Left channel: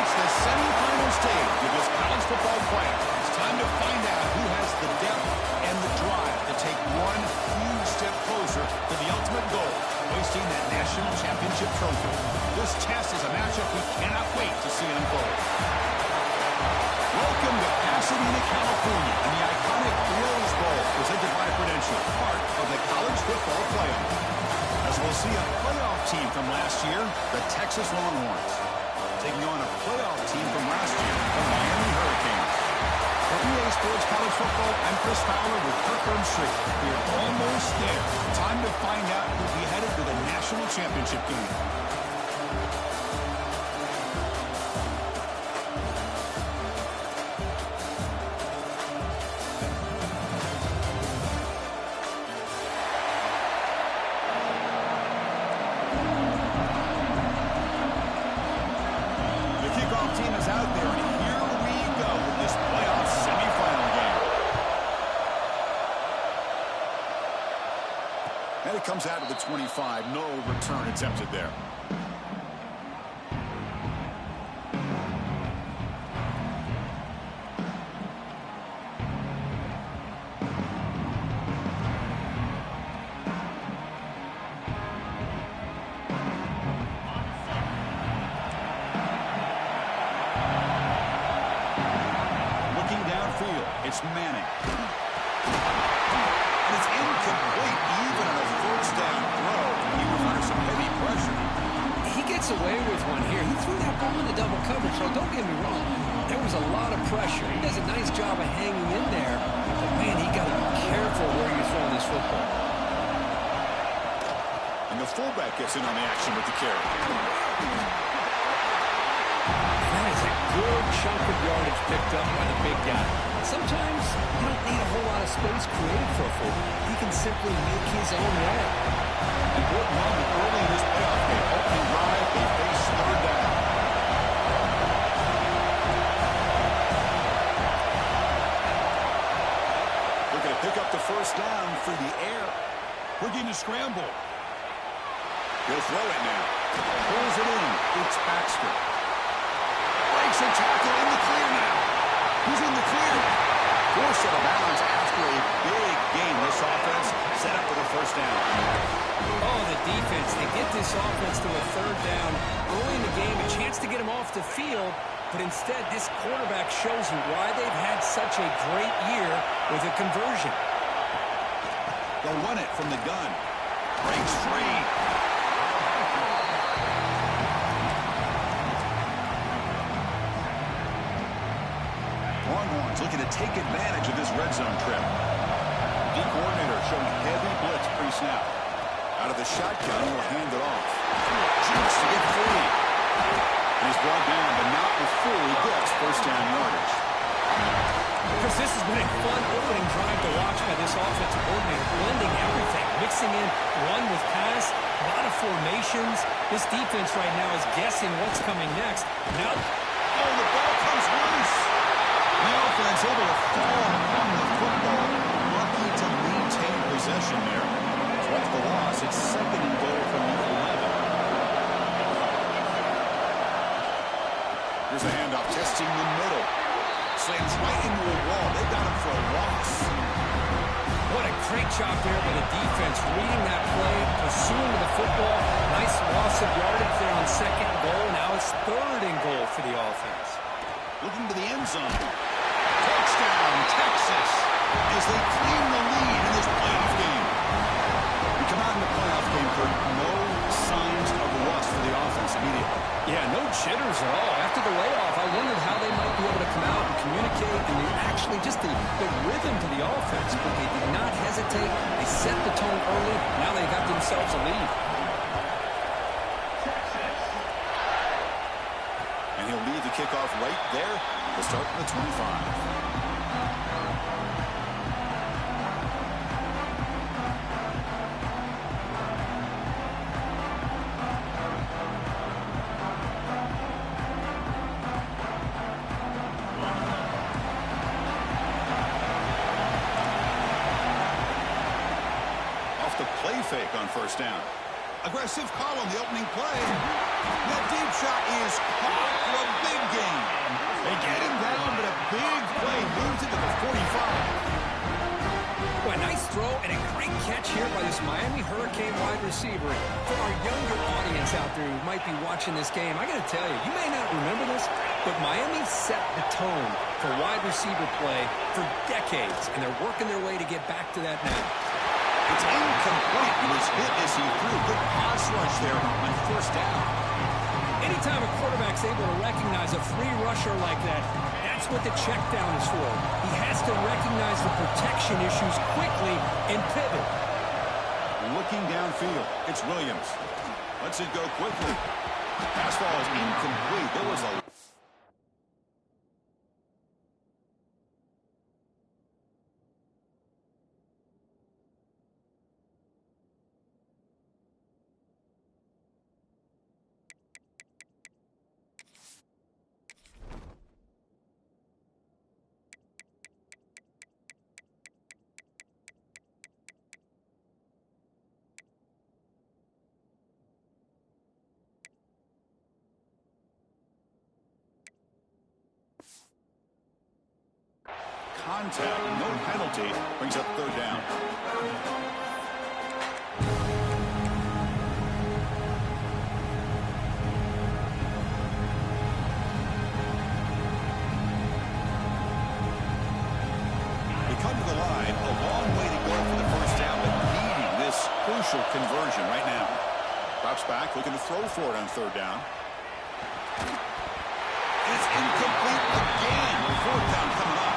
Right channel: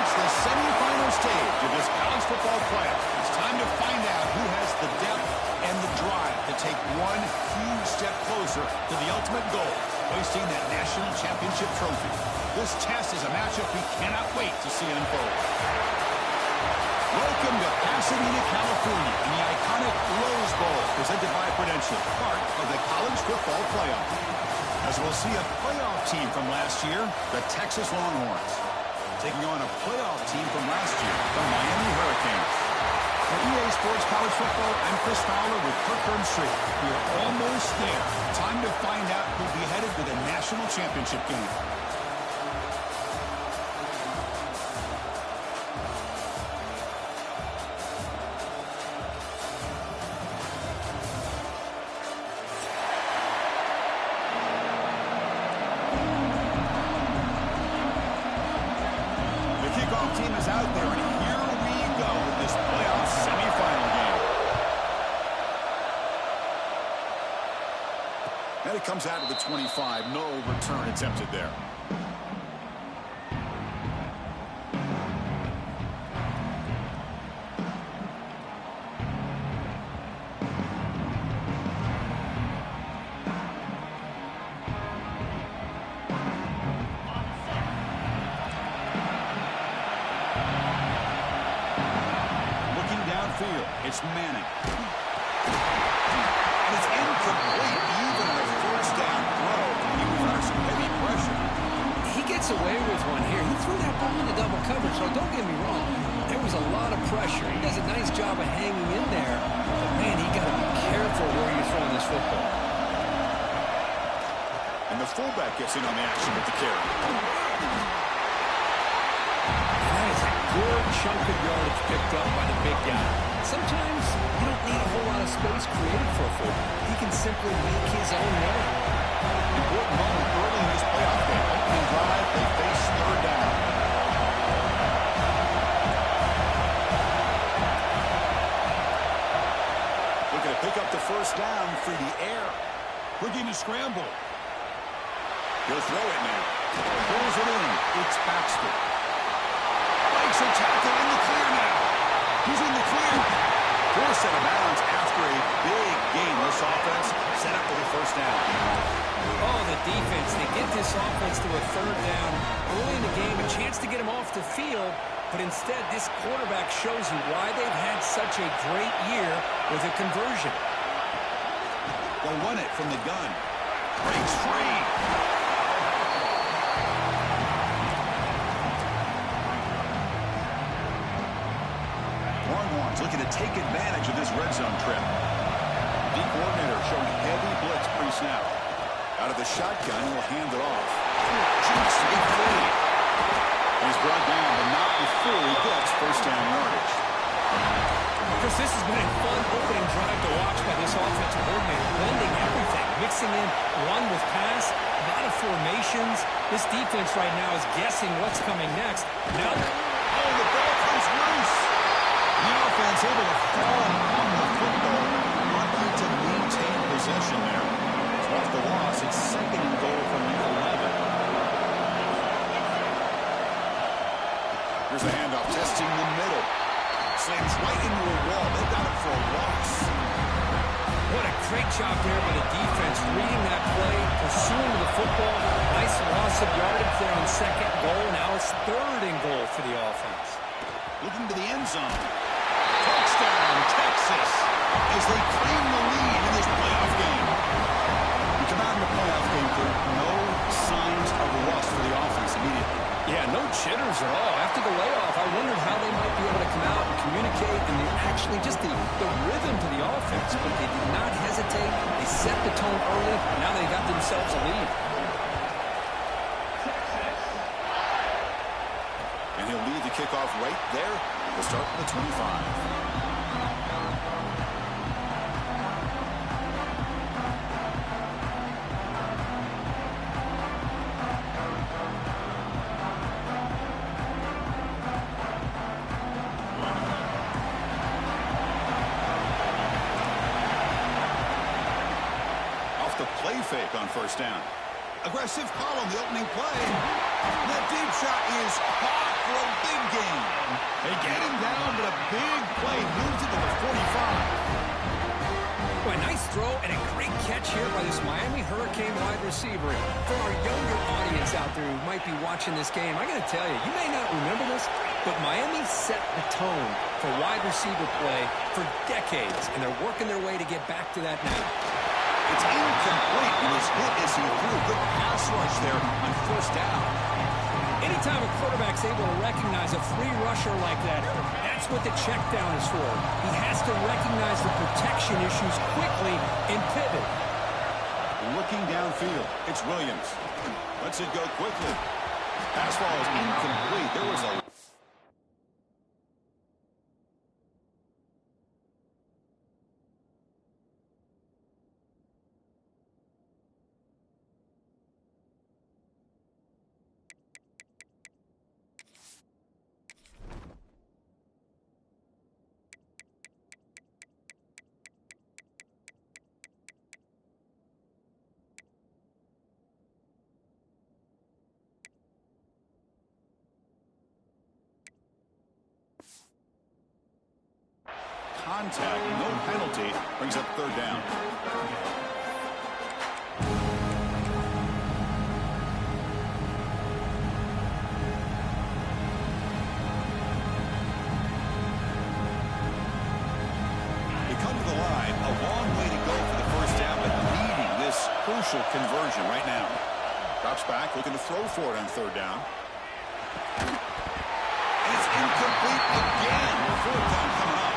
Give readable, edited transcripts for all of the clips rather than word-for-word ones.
reached the semifinal stage of this college football playoff. It's time to find out who has the depth and the drive to take one huge step closer to the ultimate goal, hoisting that national championship trophy. This test is a matchup we cannot wait to see unfold. Welcome to Pasadena, California, and the iconic Rose Bowl, presented by Prudential, part of the college football playoff. As we'll see a playoff team from last year, the Texas Longhorns, taking on a playoff team from last year, the Miami Hurricanes. For EA Sports College Football, I'm Chris Fowler with Kirk Street. We are almost there. Time to find out who'll be headed to the national championship game. Team is out there, and here we go with this playoff semifinal game. And it comes out to the 25. No return attempted there. It's Manning. And it's incomplete even on a first down throw. He was under some heavy pressure. He gets away with one here. He threw that ball into double coverage, so don't get me wrong. There was a lot of pressure. He does a nice job of hanging in there. But, man, he got to be careful where you're throwing this football. And the fullback gets in on the action with the carry. And that is a good chunk of yardage picked up by the big guy. Sometimes you don't need a whole lot of space created for a fullback. He can simply make his own way. Important moment early in this playoff game. Opening drive, they face third down. Looking to pick up the first down through the air. Looking to scramble. He'll throw it now. Pulls it in. It's Baxter. Breaks a tackle in the clear now. He's in the clear. Forced out of bounds after a big gain. This offense set up for the first down. Oh, the defense. They get this offense to a third down early in the game, a chance to get him off the field. But instead, this quarterback shows you why they've had such a great year with a conversion. They'll run it from the gun. Breaks free. Longhorns looking to take advantage of this red zone trip. D coordinator showing heavy blitz pre-snap. Out of the shotgun, he'll hand it off. Jukes to get free. And he's brought down, but not before he gets first down yardage. Chris, this has been a fun opening drive to watch by this offensive coordinator, blending everything, mixing in run with pass, a lot of formations. This defense right now is guessing what's coming next. Now, oh, the ball comes loose. The offense able to fall on the football. Lucky to maintain possession there. So off the loss, it's second and goal from the 11. Here's a handoff testing the middle. Slams right into a wall. They got him for a loss. What a great job there by the defense, reading that play, pursuing to the football. Nice loss of yardage there on second goal. Now it's third and goal for the offense. Looking to the end zone. Touchdown, Texas, as they claim the lead in this playoff game. We come out in the playoff game, Kurt, no signs of rust for the offense immediately. Yeah, no jitters at all. After the layoff, I wondered how they might be able to come out and communicate, and actually just the rhythm to the offense. But they did not hesitate. They set the tone early. Now they got themselves a lead. And he'll lead the kickoff right there. We'll start from the 25. Off the play fake on first down. Aggressive call on the opening play. That deep shot is caught for a big gain. They get him down, but a big play moves it to the 45. Well, a nice throw and a great catch here by this Miami Hurricane wide receiver. For our younger audience out there who might be watching this game, I got to tell you, you may not remember this, but Miami set the tone for wide receiver play for decades, and they're working their way to get back to that now. It's incomplete. It was hit as he threw. Good pass rush there on first down. Anytime a quarterback's able to recognize a free rusher like that, that's what the check down is for. He has to recognize the protection issues quickly and pivot. Looking downfield, it's Williams. Lets it go quickly. Pass ball is incomplete. There was a... Contact, no penalty, brings up third down. They come to the line, a long way to go for the first down, but needing this crucial conversion right now. Drops back, looking to throw for it on third down. And it's incomplete again. Fourth down coming up.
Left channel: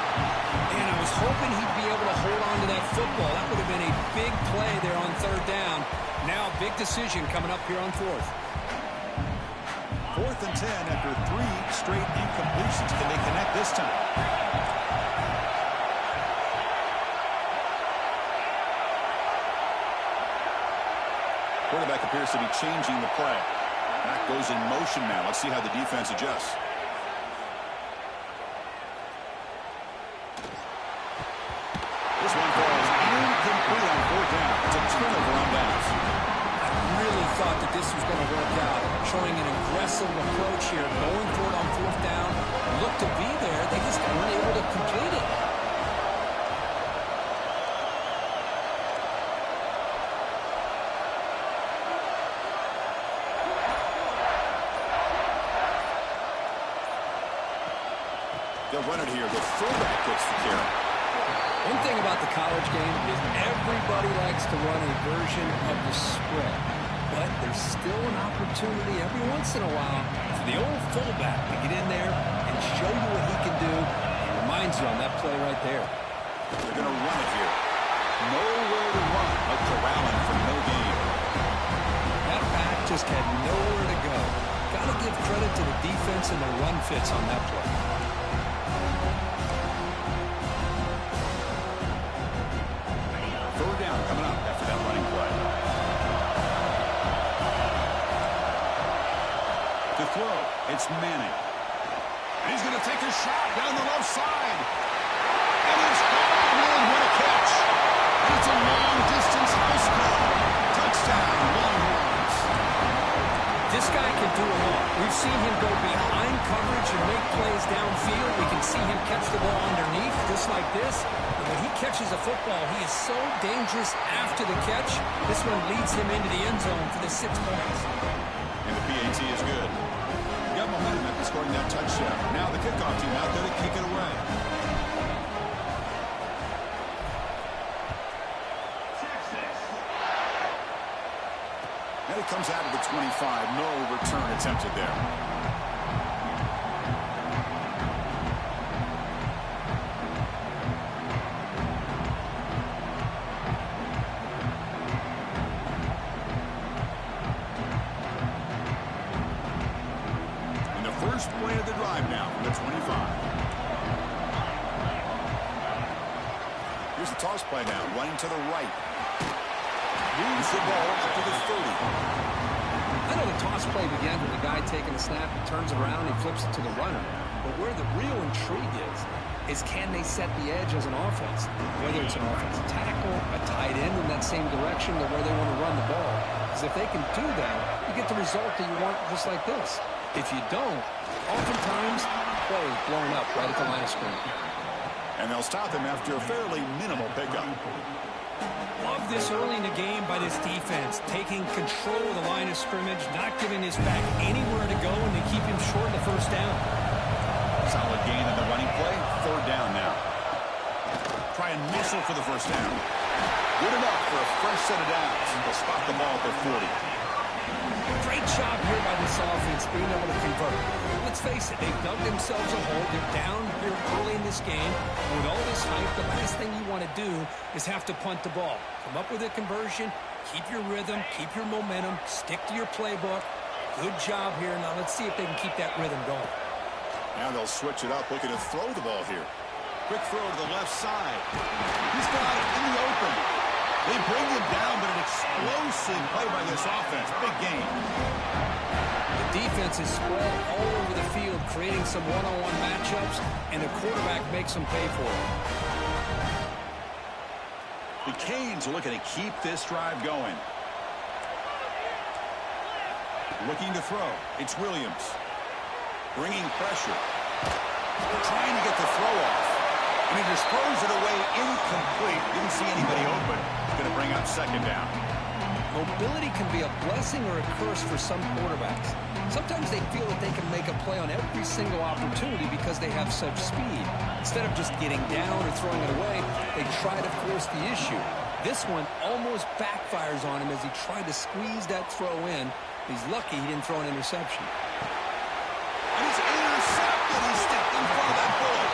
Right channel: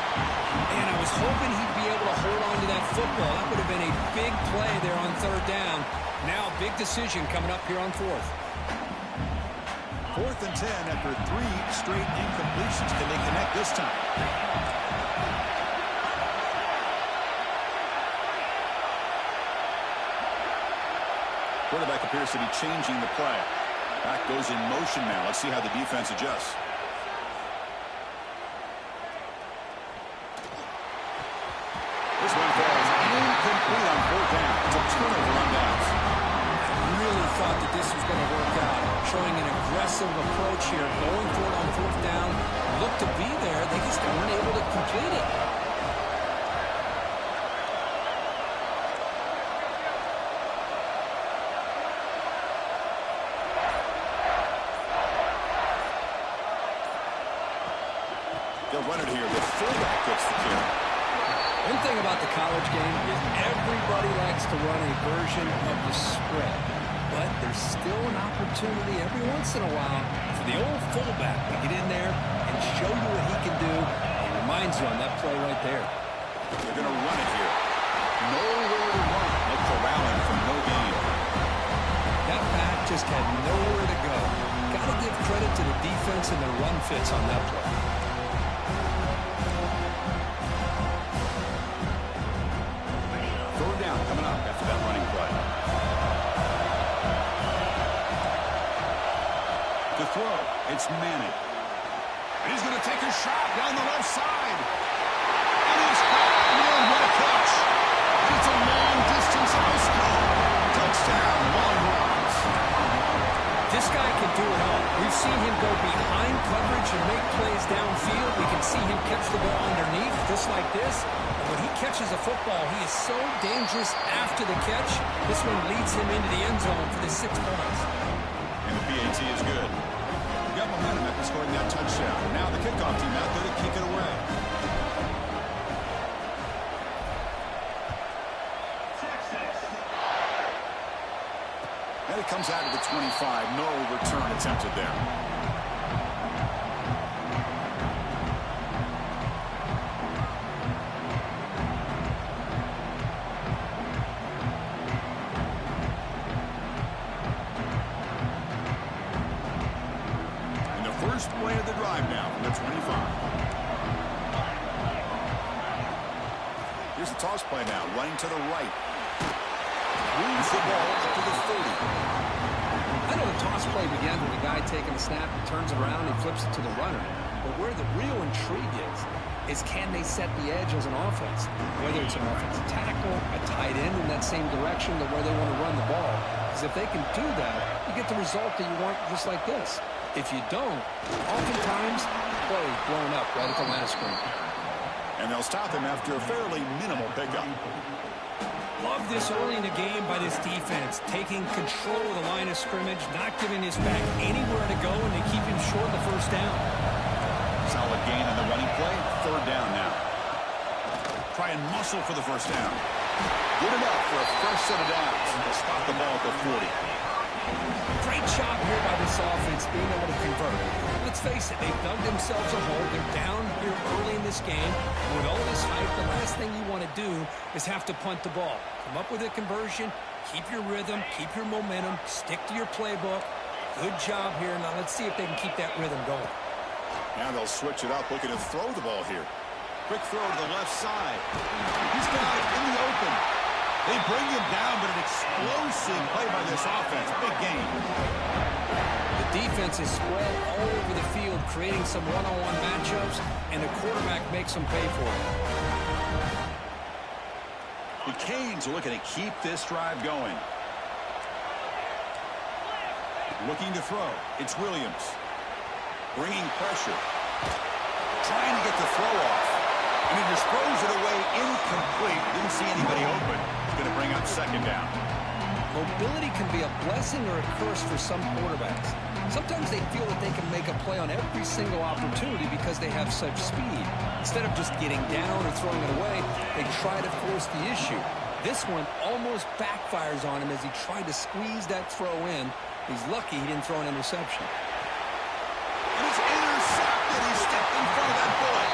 And I was hoping he'd be able to hold on to that football. That would have been a big play there on third down. Now, big decision coming up here on fourth. 4th and 10 after 3 straight incompletions. Can they connect this time? Quarterback appears to be changing the play. Back goes in motion now. Let's see how the defense adjusts. This one falls incomplete on fourth down. It's a turnover on downs. I really thought that this was going to work out. Showing an aggressive approach here. Going for it on fourth down. Looked to be there. They just weren't able to complete it. They'll run it here. The fullback gets the carry. One thing about the college game is everybody likes to run a version of the spread. But there's still an opportunity every once in a while for the old fullback to get in there and show you what he can do. It reminds you on that play right there. They're going to run it here. Nowhere to run. A corralling for no gain. That back just had nowhere to go. Got to give credit to the defense and their run fits on that play. Third down coming up after that running play. To throw, it's Manning. And he's going to take a shot down the left side. And it's gone. Man, what a catch. And it's a long-distance house call. Touchdown, Longhorns. This guy can do it all. We've seen him go behind coverage and make plays downfield. We can see him catch the ball underneath, just like this. And when he catches a football, he is so dangerous after the catch. This one leads him into the end zone for the 6 points. And the PAT is good. Got momentum after scoring that touchdown. Now the kickoff team out there to kick it away. And it comes out of the 25. No return attempted there. And the first play of the drive now from the 25. Here's the toss play now, running to the right. Moves the ball up to the 30. I know the toss play began with the guy taking the snap, he turns it around, he flips it to the runner. But where the real intrigue is can they set the edge as an offense? Whether it's an offensive tackle, a tight end in that same direction to where they want to run the ball. Because if they can do that, you get the result that you want just like this. If you don't, oftentimes, play is blown up right at the line of scrimmage. And they'll stop him after a fairly minimal pickup. Love this early in the game by this defense, taking control of the line of scrimmage, not giving his back anywhere to go, and they keep him short of the first down. Solid gain on the running play. Third down now. Try and muscle for the first down. Good enough for a fresh set of downs. They'll spot the ball at the 40. Great job here by this offense being able to convert. Let's face it, they've dug themselves a hole. They're down here early in this game. With all this hype, the last thing you want to do is have to punt the ball. Come up with a conversion, keep your rhythm, keep your momentum, stick to your playbook. Good job here. Now let's see if they can keep that rhythm going. Now they'll switch it up, looking to throw the ball here. Quick throw to the left side. He's got it in the open. They bring him down, but an explosive play by this offense. Big game. The defense is spread all over the field, creating some one-on-one matchups, and the quarterback makes them pay for it. The Canes are looking to keep this drive going. Looking to throw. It's Williams. Bringing pressure. Trying to get the throw off. And he just throws it away incomplete. Didn't see anybody open. He's going to bring up second down. Mobility can be a blessing or a curse for some quarterbacks. Sometimes they feel that they can make a play on every single opportunity because they have such speed. Instead of just getting down or throwing it away, they try to force the issue. This one almost backfires on him as he tried to squeeze that throw in. He's lucky he didn't throw an interception. And he's intercepted. He stepped in front of that bullet.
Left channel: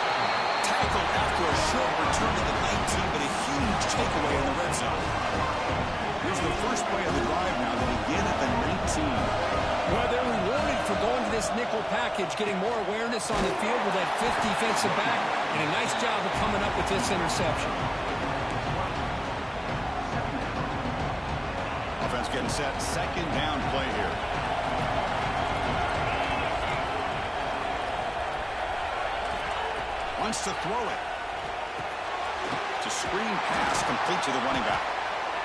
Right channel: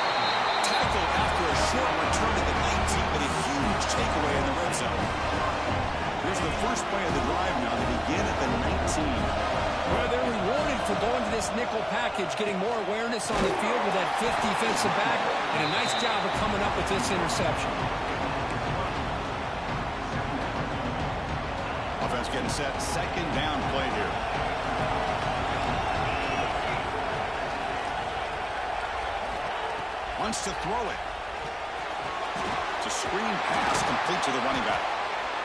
Tackled after a short return to the 19, but a huge takeaway in the red zone. Here's the first play of the drive now. They begin at the 19. Well, they're rewarded for going to this nickel package, getting more awareness on the field with that fifth defensive back, and a nice job of coming up with this interception. Offense getting set. Second down play here. Wants to throw it. It's a screen pass complete to the running back.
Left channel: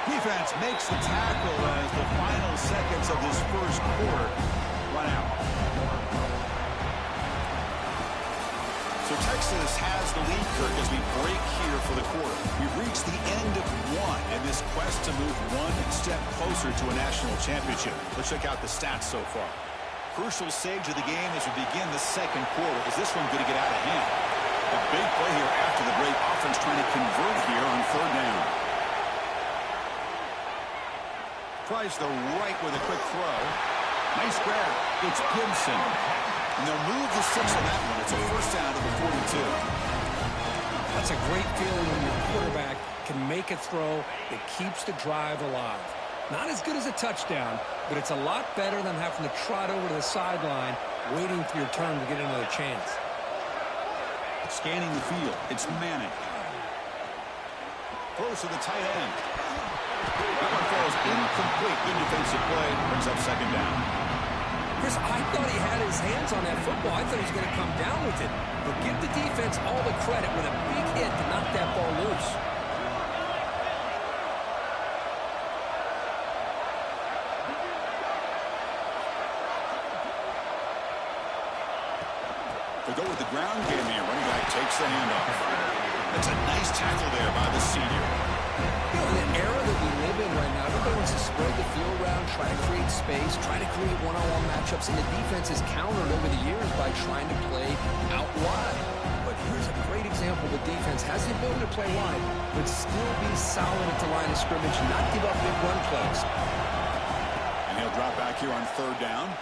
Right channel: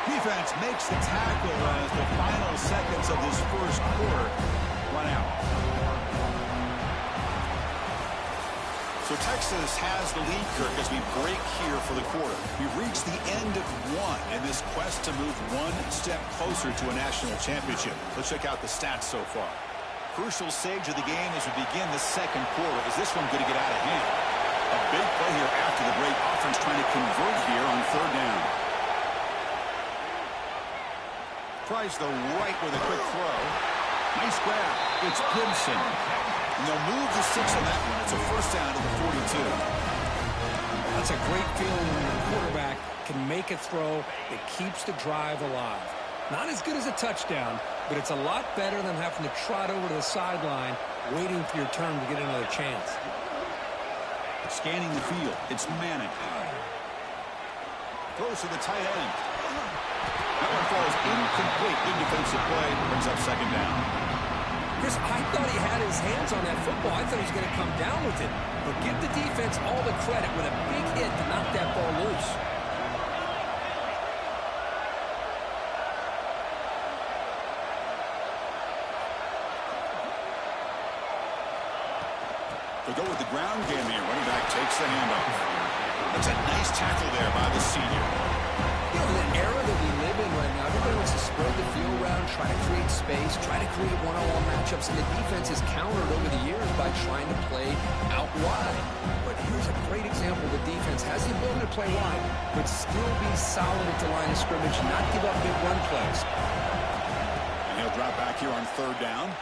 Defense makes the tackle as the final seconds of this first quarter run out. So Texas has the lead, Kirk, as we break here for the quarter. We've reached the end of one in this quest to move one step closer to a national championship. Let's check out the stats so far. Crucial stage of the game as we begin the second quarter. Is this one going to get out of hand? A big play here after the break. Offense trying to convert here on third down. Tries the right with a quick throw. Nice grab. It's Gibson. And they'll move the 6 on that one. It's a first down to the 42. That's a great feeling when your quarterback can make a throw that keeps the drive alive. Not as good as a touchdown, but it's a lot better than having to trot over to the sideline, waiting for your turn to get another chance. Scanning the field. It's Manning. Throws to the tight end. That one falls incomplete. Good defensive play. Brings up second down. Chris, I thought he had his hands on that football. I thought he was going to come down with it. But give the defense all the credit with a big hit to knock that ball loose. They go with the ground game here. Running back takes the handoff. That's a nice tackle there by the senior. You know, in the era that we live in right now, everybody wants to spread the field around, try to create space, try to create one-on-one matchups, and the defense has countered over the years by trying to play out wide. But here's a great example. The defense has the ability to play wide, but still be solid at the line of scrimmage, not give up big run plays. And he'll drop back here on third down.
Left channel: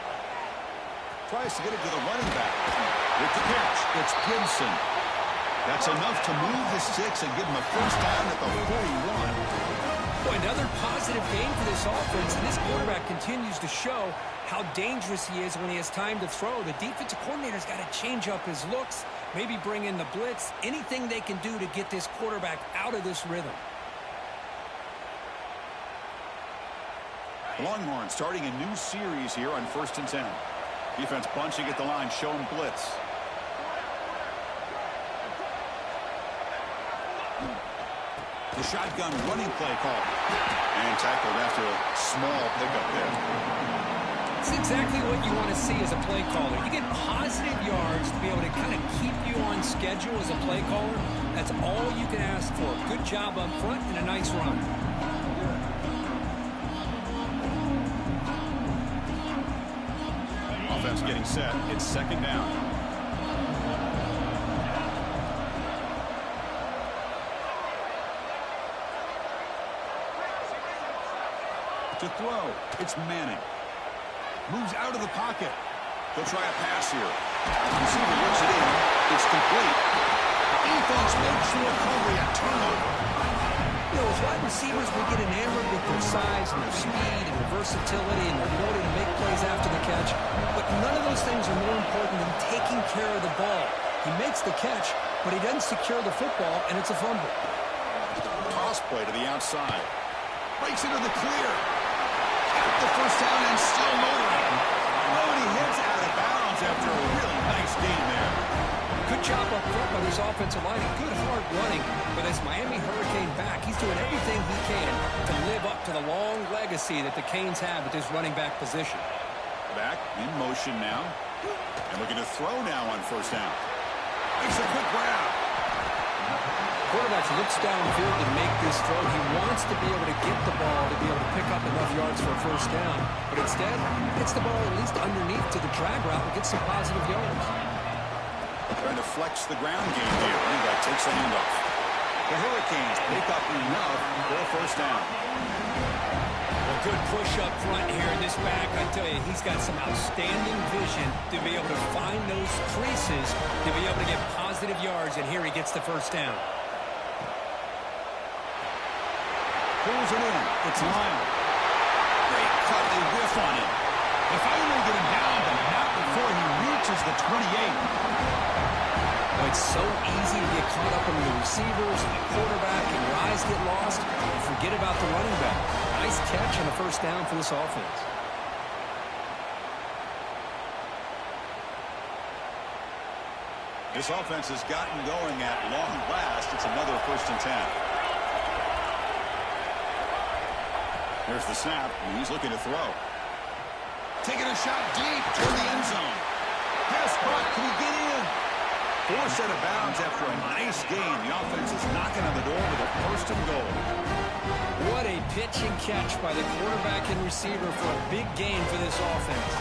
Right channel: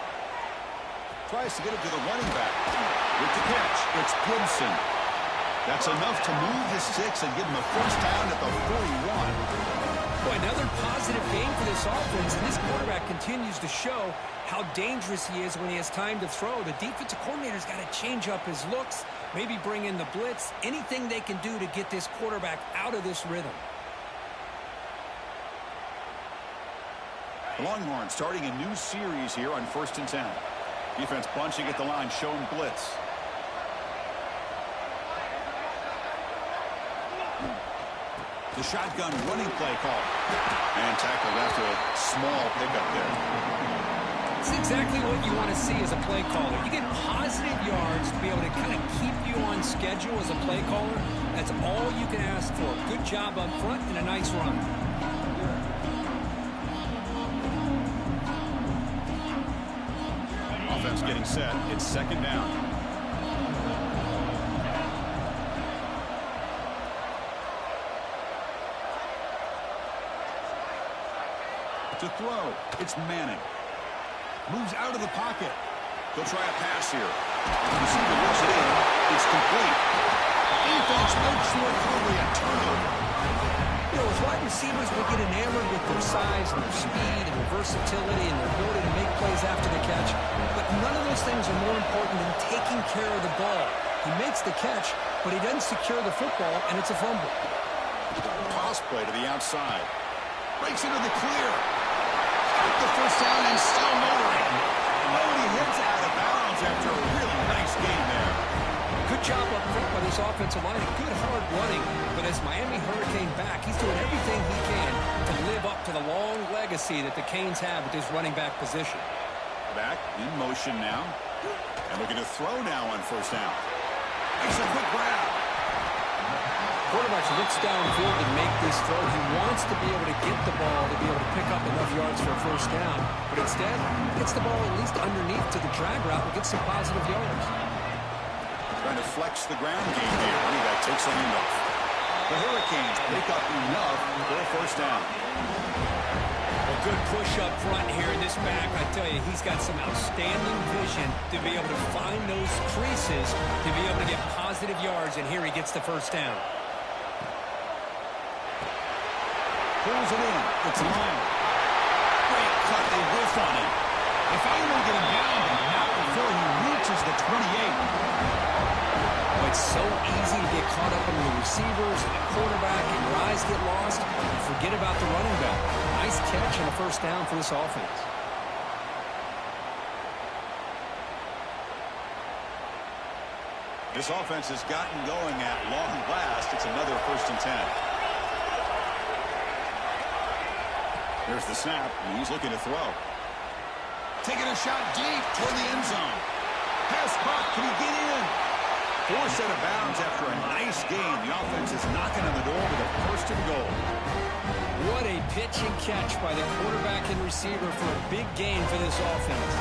Tries to get it to the running back. With the catch, it's Gibson. That's enough to move the 6 and give him a first down at the 41. Boy, another positive game for this offense, and this quarterback continues to show how dangerous he is when he has time to throw. The defensive coordinator's got to change up his looks, maybe bring in the blitz, anything they can do to get this quarterback out of this rhythm. The Longhorns starting a new series here on 1st and 10. Defense bunching at the line, showing blitz. The shotgun running play call. And tackled after a small pickup there. It's exactly what you want to see as a play caller. You get positive yards to be able to kind of keep you on schedule as a play caller. That's all you can ask for. Good job up front and a nice run. Offense getting set. It's second down. To throw, it's Manning. Moves out of the pocket. He'll try a pass here. The receiver looks it in. It's complete. Defense makes the recovery a turnover. You know, as wide receivers, we get enamored with their size and their speed and their versatility and their ability to make plays after the catch. But none of those things are more important than taking care of the ball. He makes the catch, but he doesn't secure the football, and it's a fumble. Toss play to the outside. Breaks into the clear. Got the first down and still motoring. Oh, and he hits out of bounds after a really nice game there. Good job up front by this offensive line and good hard running for this Miami Hurricane back. He's doing everything he can to live up to the long legacy that the Canes have at this running back position. Back in motion now. And looking to throw now on first down. Makes a quick grab. Quarterback looks downfield to make this throw. He wants to be able to get the ball to be able to pick up enough yards for a first down. But instead, gets the ball at least underneath to the drag route and gets some positive yards. Trying to flex the ground game here. Running back takes the handoff. The Hurricanes pick up enough for a first down. Well, good push up front here in this back. I tell you, he's got some outstanding vision to be able to find those creases, to be able to get positive yards, and here he gets the first down. Pulls it in. It's Lyle. Great cut. They whiff on him. They finally get him down, but not before he reaches the 28. Oh, it's so easy to get caught up in the receivers and the quarterback, and your eyes get lost. And forget about the running back. Nice catch and a first down for this offense. This offense has gotten going at long last. It's another 1st and 10. Here's the snap, and he's looking to throw. Taking a shot deep toward the end zone. Pass caught. Can he get in? Forced out of bounds after a nice game. The offense is knocking on the door with a 1st and goal. What a pitch and catch by the quarterback and receiver for a big gain for this offense.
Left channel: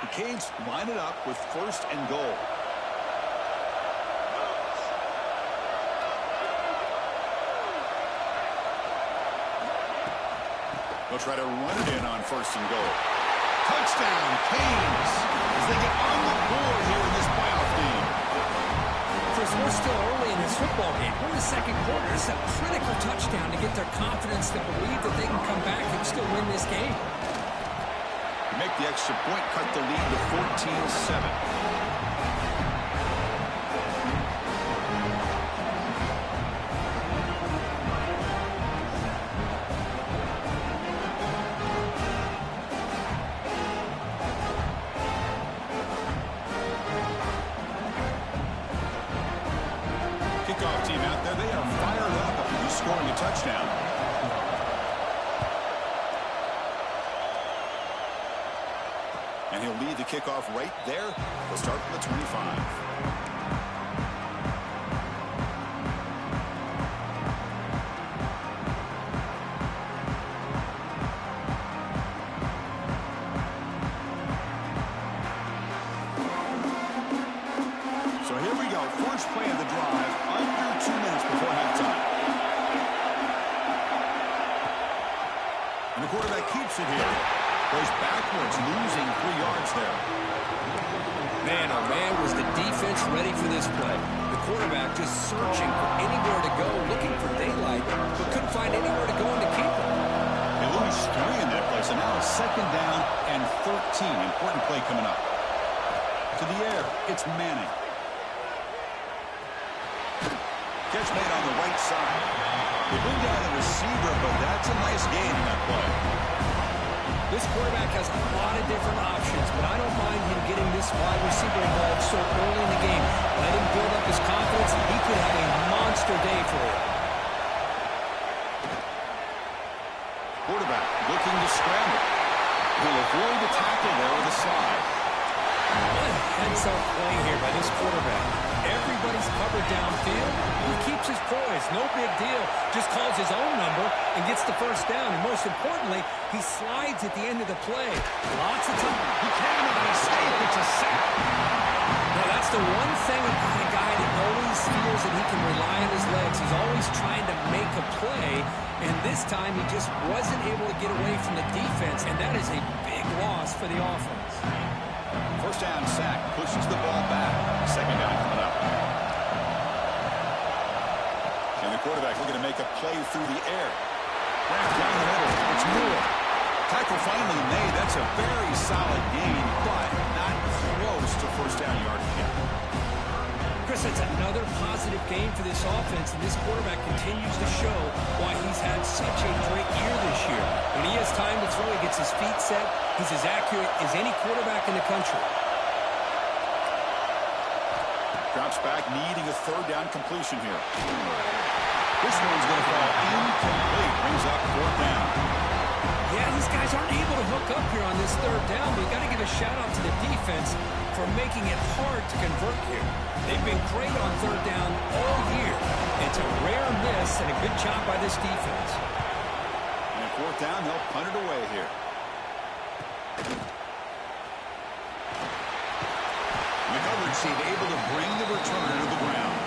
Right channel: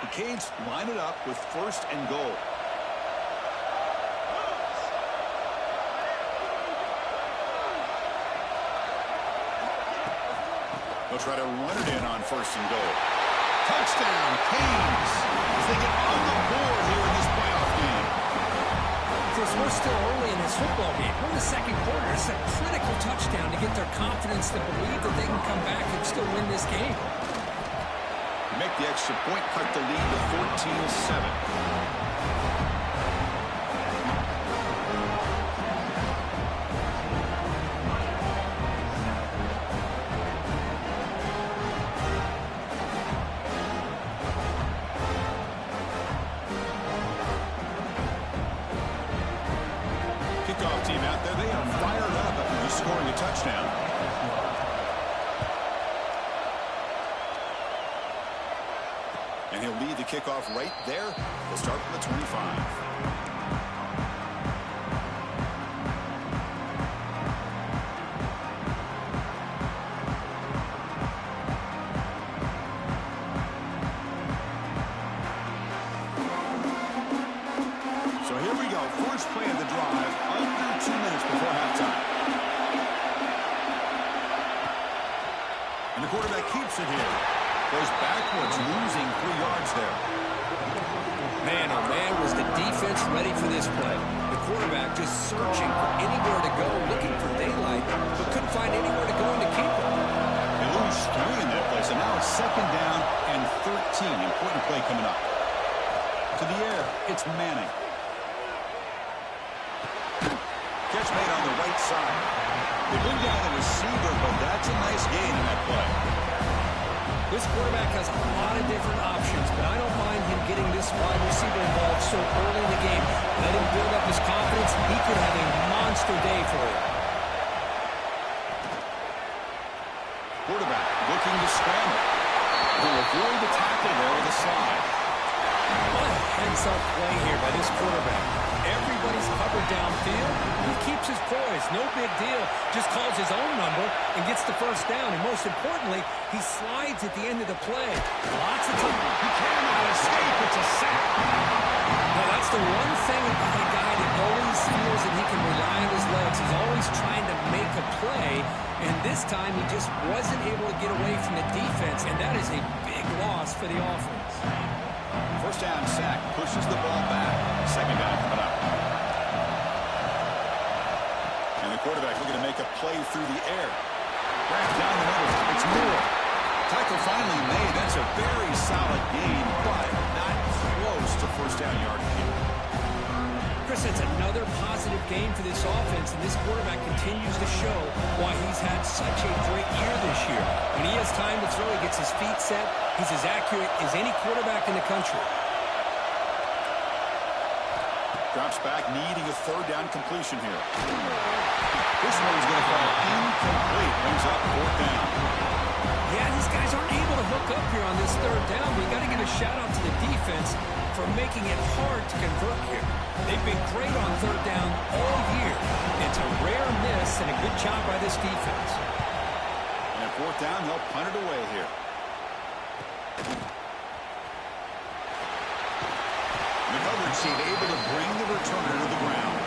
The Canes line it up with 1st and goal. They'll try to run it in on 1st and goal. Touchdown, Canes, as they get on the board here in this playoff game. Chris, we're still early in this football game. We're in the second quarter. It's a critical touchdown to get their confidence to believe that they can come back and still win this game. Make the extra point, cut the lead to 14-7. Kickoff team out there, they are fired up after just scoring a touchdown. And he'll lead the kickoff right there. They'll start from the 25. So here we go. First play of the drive, under 2 minutes before halftime. And the quarterback keeps it here. Goes backwards, losing 3 yards there. Man, oh man, was the defense ready for this play. The quarterback just searching for anywhere to go, looking for daylight, but couldn't find anywhere to go and to keep it. They lose 3 in that play, so now it's 2nd down and 13. Important play coming up. To the air, it's Manning. Catch made on the right side. They bring down the receiver, but that's a nice gain in that play. This quarterback has a lot of different options, but I don't mind him getting this wide receiver involved so early in the game. Let him build up his confidence. He could have a monster day for you. Quarterback looking to scramble. He'll avoid the tackle there with a slide. What a heads-up play here by this quarterback. Everybody's covered downfield. He keeps his poise. No big deal. Just calls his own number and gets the first down. And most importantly, he slides at the end of the play. Lots of time. He cannot escape. It's a sack. Now, that's the one thing about a guy that always feels that he can rely on his legs. He's always trying to make a play. And this time, he just wasn't able to get away from the defense. And that is a big loss for the offense. First down sack, pushes the ball back. Second down coming up. And the quarterback looking to make a play through the air. Wrapped down the middle. It's Moore. Tackle finally made. That's a very solid gain, but not close to first down yardage yet. Chris, that's another positive game for this offense, and this quarterback continues to show why he's had such a great year this year. When he has time to throw, he gets his feet set. He's as accurate as any quarterback in the country. Drops back, needing a third down completion here. This one's going to fall incomplete. Brings up fourth down. Yeah, these guys aren't able to hook up here on this third down, but you got to give a shout-out to the defense for making it hard to convert here. They've been great on third down all year. It's a rare miss and a good job by this defense. And at fourth down, they'll punt it away here. The coverage team able to bring the returner to the ground.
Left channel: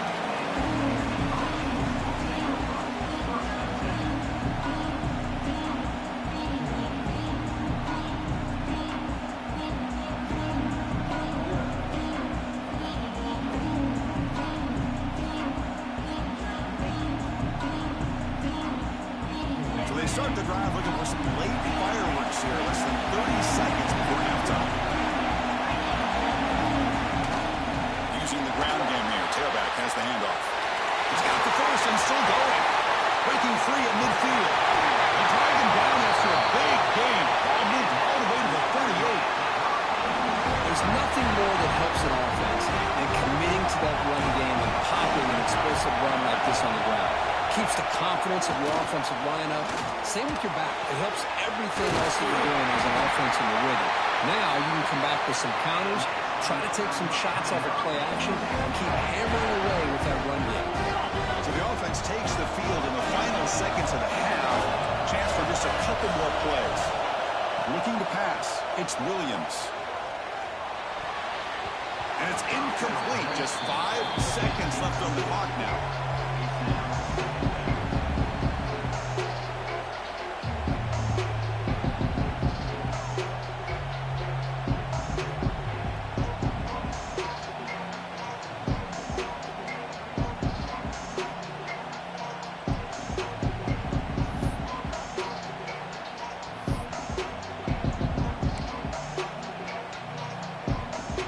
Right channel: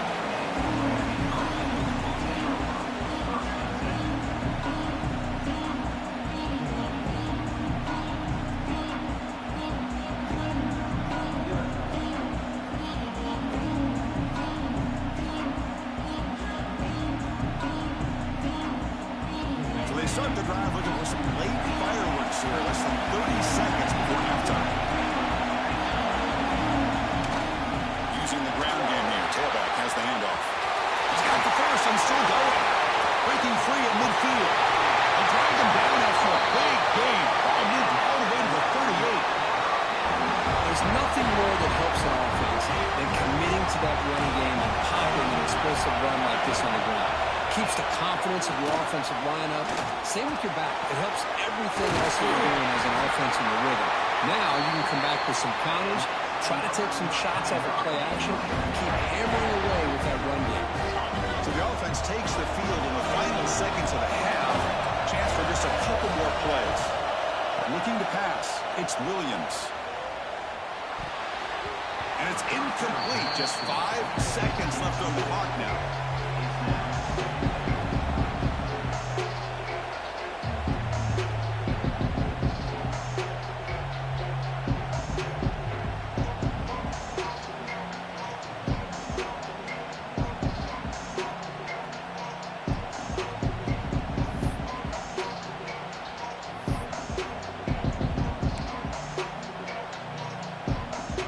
Start the drive looking for some late fireworks here. Less than 30 seconds before halftime. Using the ground game here. Tailback has the handoff. He's got the first and still going. Breaking free at midfield. They drag him down after a big gain. Ball moved all the way to the 38. There's nothing more that helps an offense than committing to that running game and popping an explosive run like this on the ground. Keeps the confidence of your offensive lineup. Same with your back. It helps everything else that you're doing as an offense in the rhythm. Now you can come back with some counters, try to take some shots off of play action, and keep hammering away with that run game. So the offense takes the field in the final seconds of the half. Chance for just a couple more plays. Looking to pass. It's Williams. And it's incomplete. Just 5 seconds left on the clock now.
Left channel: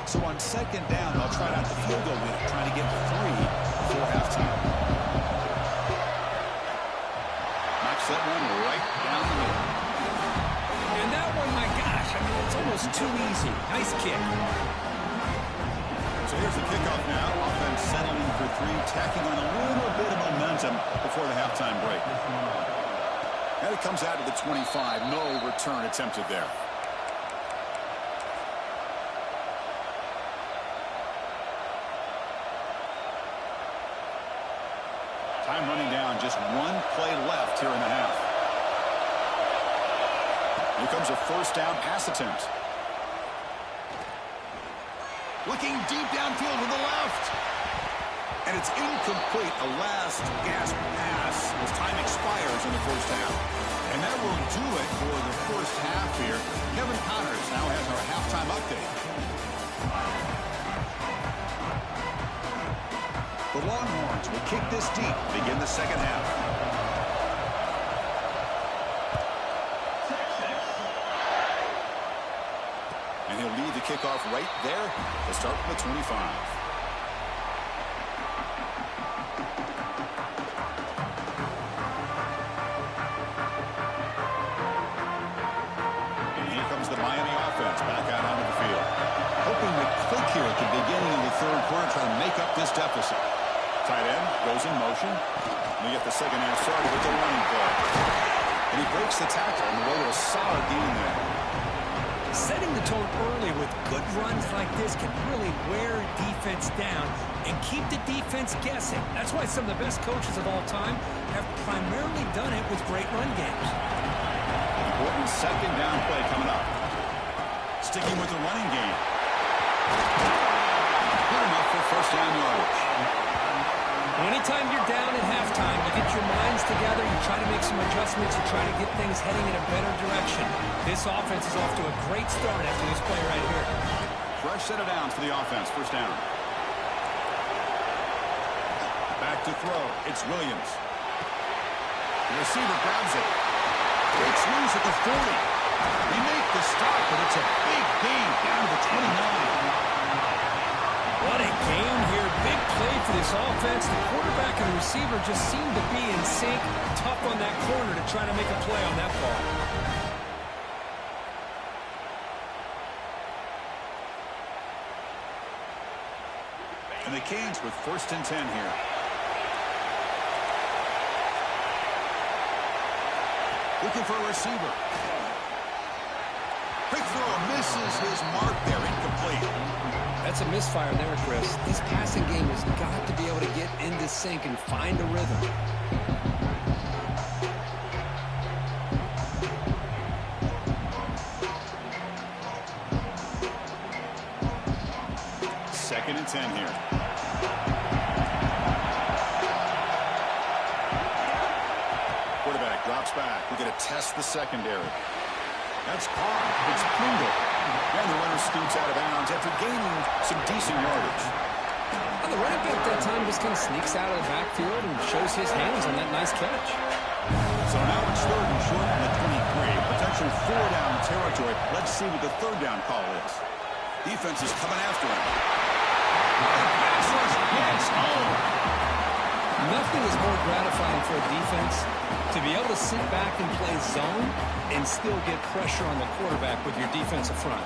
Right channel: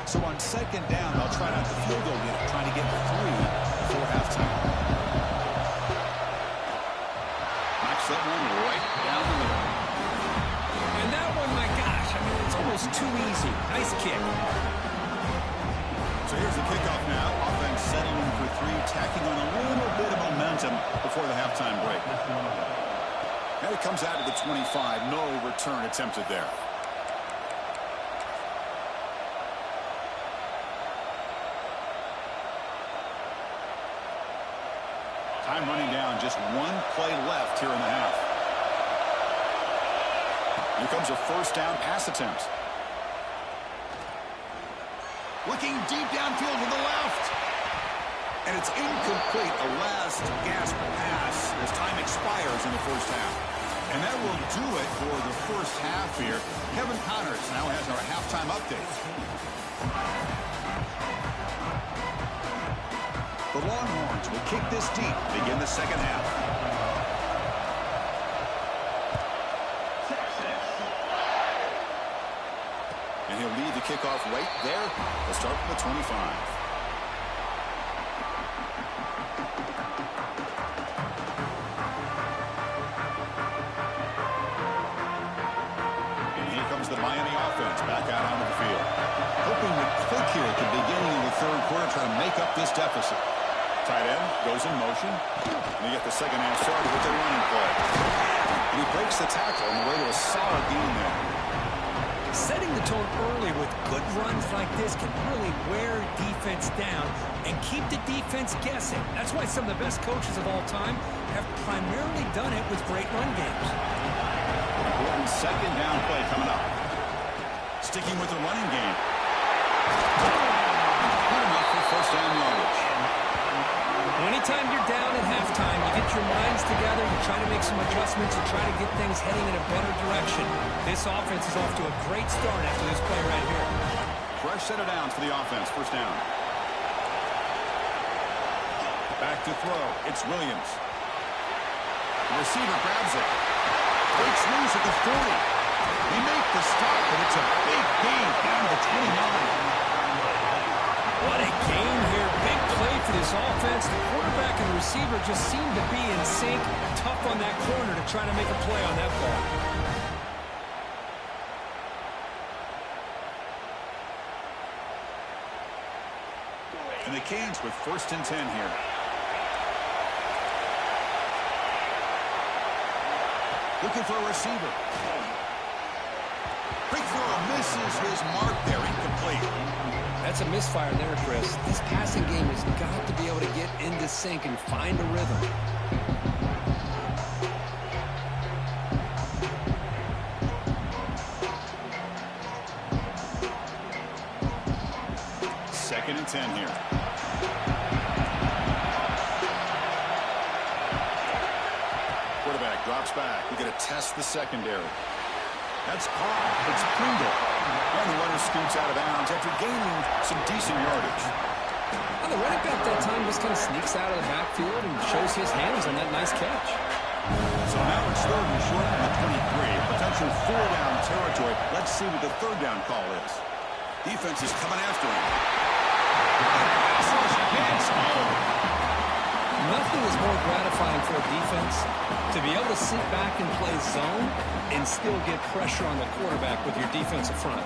So on second down, they'll try out the field goal unit, trying to get 3 before halftime. Knocks that one right down the middle. And that one, my gosh, I mean, it's almost too easy. Nice kick. So here's the kickoff now. Offense settling for 3, tacking on a little bit of momentum before the halftime break. And it comes out to the 25. No return attempted there. Time running down, just 1 play left here in the half. Here comes a first down pass attempt. Looking deep downfield with the left. And it's incomplete, a last gasp pass as time expires in the first half. And that will do it for the first half here. Kevin Connors now has our halftime update. The Longhorns will kick this deep to begin the second half. And he'll lead the kickoff right there. They'll start from the 25. And here comes the Miami offense back out onto the field. Hoping to here at the beginning of the third quarter, trying to make up this deficit. Tight end goes in motion. And they get the second half started with the running play. And he breaks the tackle on the way to a solid gain there. Setting the tone early with good runs like this can really wear defense down and keep the defense guessing. That's why some of the best coaches of all time have primarily done it with great run games. Important second down play coming up. Sticking with the running game. Good enough for first down yardage. Anytime you're down at halftime, you get your minds together, you try to make some adjustments, you try to get things heading in a better direction. This offense is off to a great start after this play right here. Fresh set of downs for the offense. First down. Back to throw. It's Williams. The receiver grabs it. Breaks loose at the 40. They make the stop, but it's a big gain down to the 29. What a gain here. Big play for this offense. The quarterback and the receiver just seem to be in sync. Tough on that corner to try to make a play on that ball. And the Canes with 1st and 10 here. Looking for a receiver. Quick throw, misses his mark there, incomplete. That's a misfire there, Chris. This passing game has got to be able to get into sync and find a rhythm. Second and 10 here. Quarterback drops back. We're going to test the secondary. That's caught. It's Pringle. And the runner scoots out of bounds after gaining some decent yardage. Well, the running back that time just kind of sneaks out of the backfield and shows his hands on that nice catch. So now it's 3rd and short from the 23. Potential 4-down territory. Let's see what the 3rd down call is. Defense is coming after him. The pass rush gets home. Nothing is more gratifying for a defense to be able to sit back and play zone and still get pressure on the quarterback with your defensive front.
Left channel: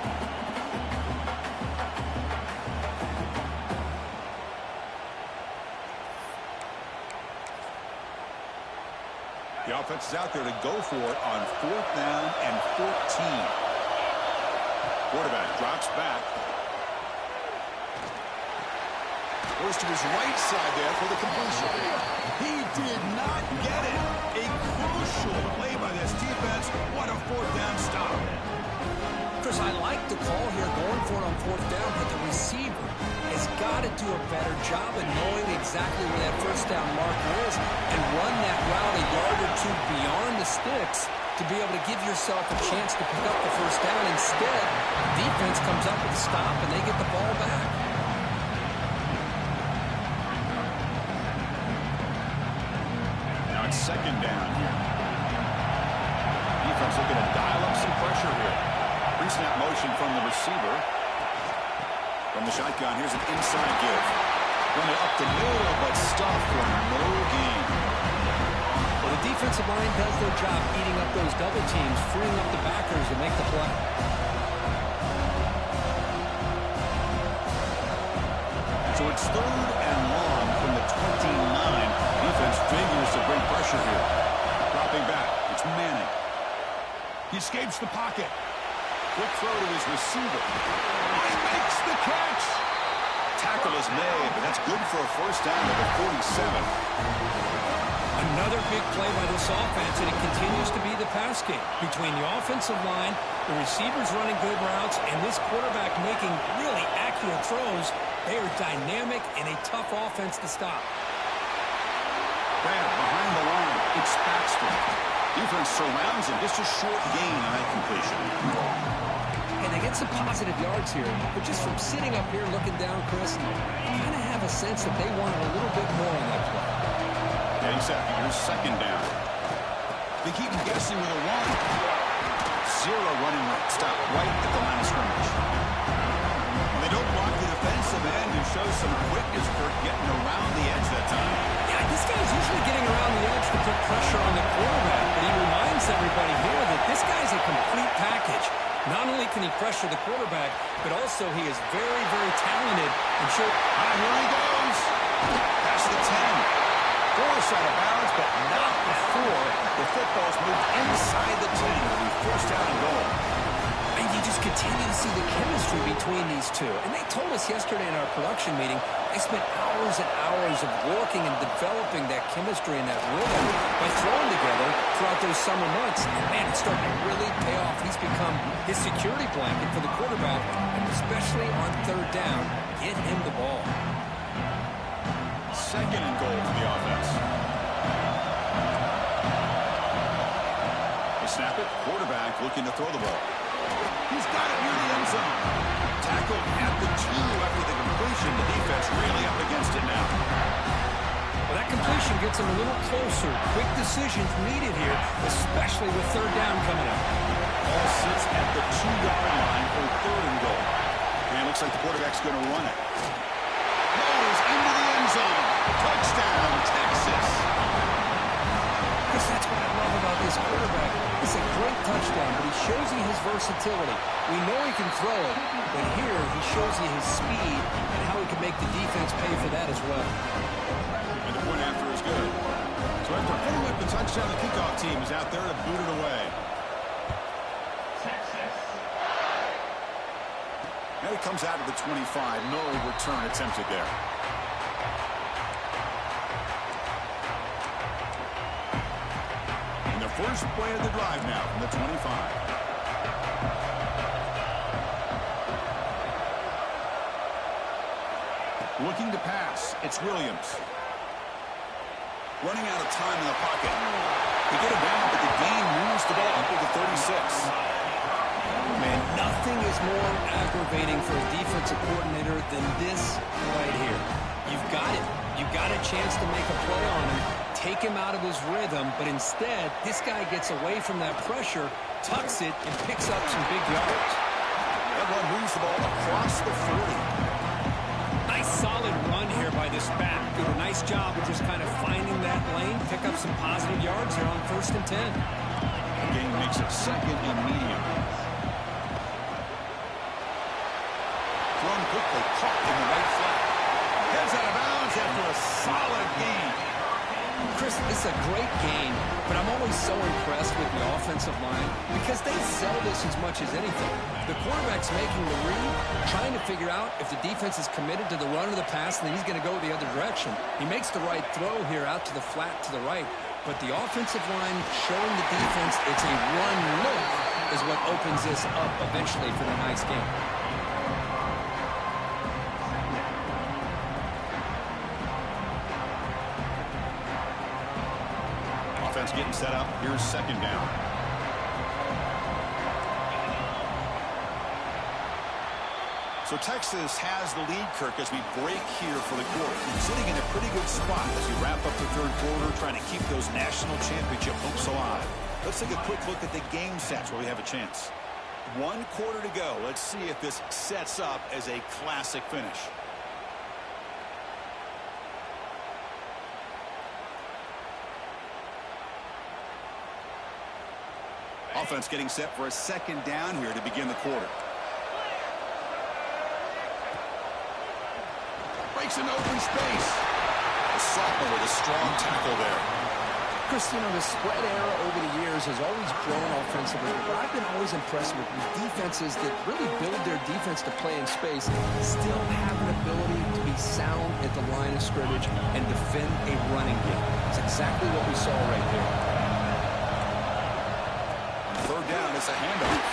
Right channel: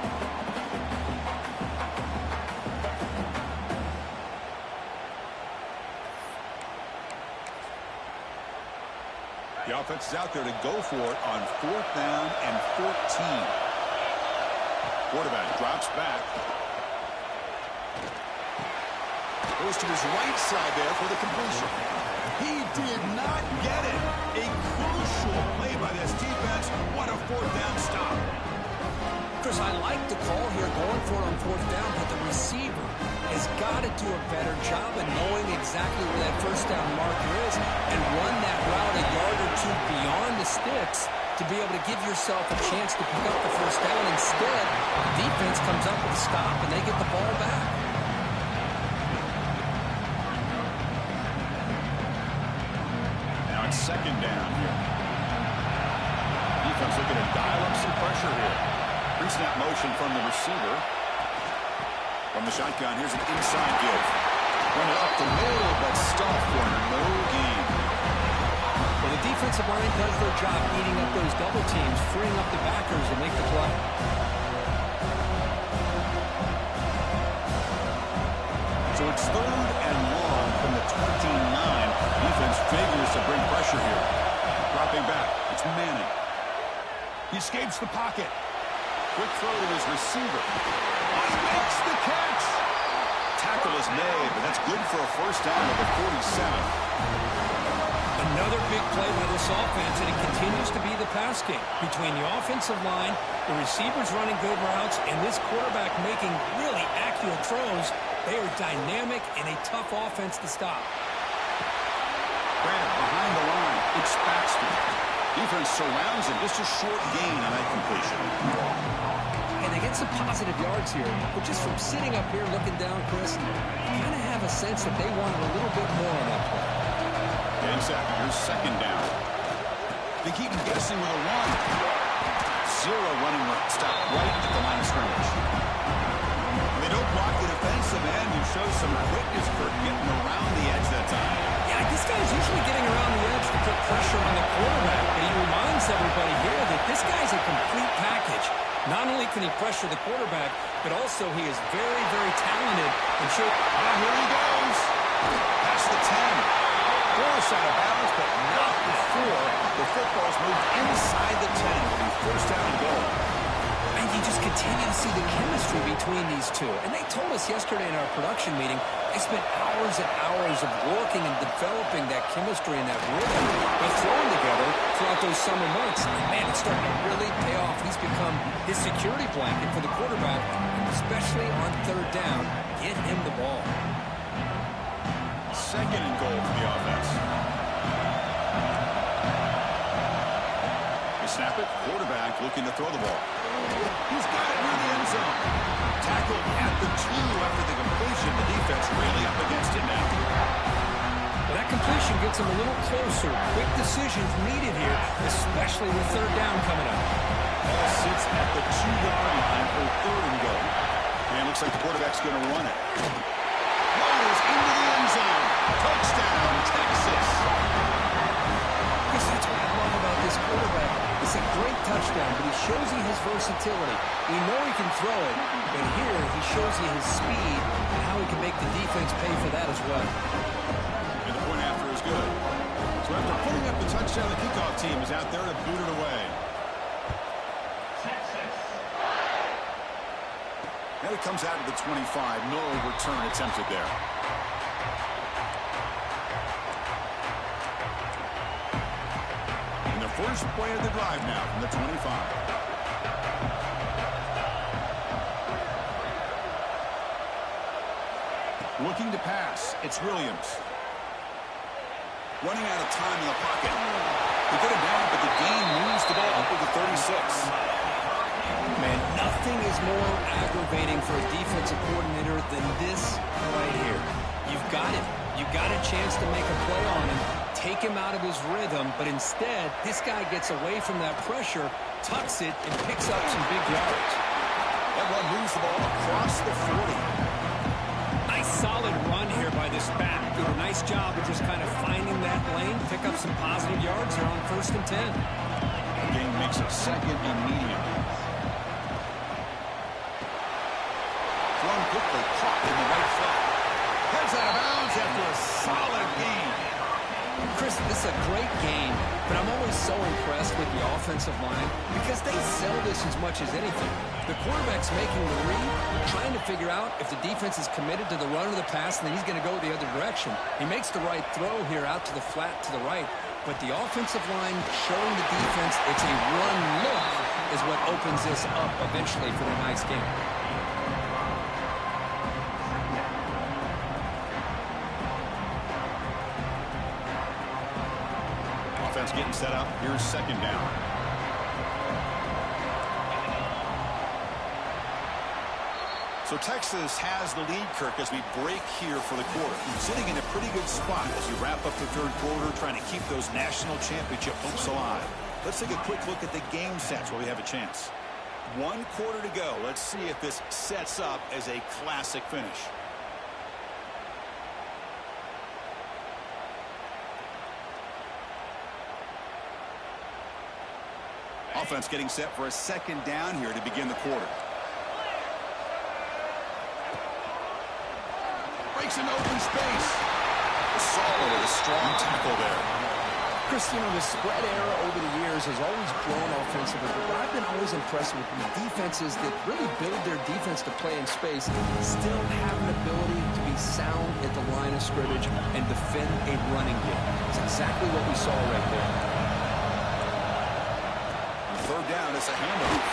The offense is out there to go for it on 4th down and 14. Quarterback drops back. Goes to his right side there for the completion. He did not get it. A crucial play by this defense. What a 4th down stop. Chris, I like the call here going for it on 4th down, but the receiver has got to do a better job of knowing exactly where that 1st down marker is and run that route a yard or two beyond the sticks to be able to give yourself a chance to pick up the 1st down. Instead, defense comes up with a stop and they get the ball back. Now it's 2nd down here. Defense looking to dial up some pressure here. Pre-snap motion from the receiver. From the shotgun, here's an inside give. Run it up the middle, but stuffed for no gain. Well, the defensive line does their job eating up those double teams, freeing up the backers to make the play. So it's 3rd and long from the 29. Defense figures to bring pressure here. Dropping back, it's Manning. He escapes the pocket. Quick throw to his receiver. Oh, he makes the catch. Tackle is made, but that's good for a 1st down at the 47. Another big play by this offense, and it continues to be the pass game. Between the offensive line, the receivers running good routes, and this quarterback making really accurate throws, they are dynamic and a tough offense to stop. Grab behind the line. It's Baxter. Defense surrounds him. Just a short gain on that completion. And they get some positive yards here, but just from sitting up here looking down, Chris, you kind of have a sense that they wanted a little bit more on that play. Getting set. Here's 2nd down. They keep him guessing with a run. 0 running room. Stop right at the line of scrimmage. Well, they don't block the defensive end and show some quickness, Kirk, getting around the edge that time. Yeah, this guy's usually getting around the edge to put pressure on the quarterback, but he reminds everybody here that this guy's a complete package. Not only can he pressure the quarterback, but also he is very, very talented. And sure. Here he goes. Past the 10. Forced out of bounds, but not before the football's moved inside the 10. It'll be first down and goal. And you just continue to see the chemistry between these two. And they told us yesterday in our production meeting, they spent hours and hours of working and developing that chemistry and that rhythm by throwing together throughout those summer months. And, man, it's starting to really pay off. He's become his security blanket for the quarterback, and especially on third down, get him the ball. Second and goal for the offense. They snap it. Quarterback looking to throw the ball. He's got it near the end zone. Tackled at the 2 after the completion. The defense really up against it now. Well, that completion gets him a little closer. Quick decisions needed here, especially with third down coming up. Ball sits at the 2-yard line for third and goal. And it looks like the quarterback's going to run it. Rolls into the end zone. Touchdown, Texas. Chris, that's what I love about this quarterback. It's a great touchdown, but he shows you his versatility. We know he can throw it, but here he shows you his speed and how he can make the defense pay for that as well. And the point after is good. So after putting up the touchdown, the kickoff team is out there to boot it away. Now he comes out to the 25. No return attempted there. And the first play of the drive now from the 25. Looking to pass. It's Williams. Running out of time in the pocket. They get it down, but the gain moves the ball up to the 36. Man, nothing is more aggravating for a defensive coordinator than this right here. You've got him. You've got a chance to make a play on him, take him out of his rhythm, but instead, this guy gets away from that pressure, tucks it, and picks up some big yards. That run moves the ball across the 40. Nice solid run here by this back. Did a nice job of just kind of finding that lane, pick up some positive yards here on 1st and 10. The game makes it 2nd and medium. Thrown quickly, caught in the right flat. Heads out of bounds after a solid gain. Chris, this is a great game, but I'm always so impressed with the offensive line because they sell this as much as anything. The quarterback's making the read, trying to figure out if the defense is committed to the run or the pass, and then he's going to go the other direction. He makes the right throw here out to the flat to the right, but the offensive line showing the defense it's a run look is what opens this up eventually for the nice game. Offense getting set up. Here's 2nd down. So Texas has the lead, Kirk, as we break here for the quarter. Sitting in a pretty good spot as you wrap up the 3rd quarter, trying to keep those national championship hopes alive. Let's take a quick look at the game stats where we have a chance. 1 quarter to go. Let's see if this sets up as a classic finish. Offense getting set for a 2nd down here to begin the quarter. Breaks into open space. The sophomore with a strong tackle there. Chris, you know, the spread era over the years has always grown offensively, but I've been always impressed with defenses that really build their defense to play in space, still have an ability to be sound at the line of scrimmage and defend a running game. It's exactly what we saw right there. On 3rd down, it's a handoff.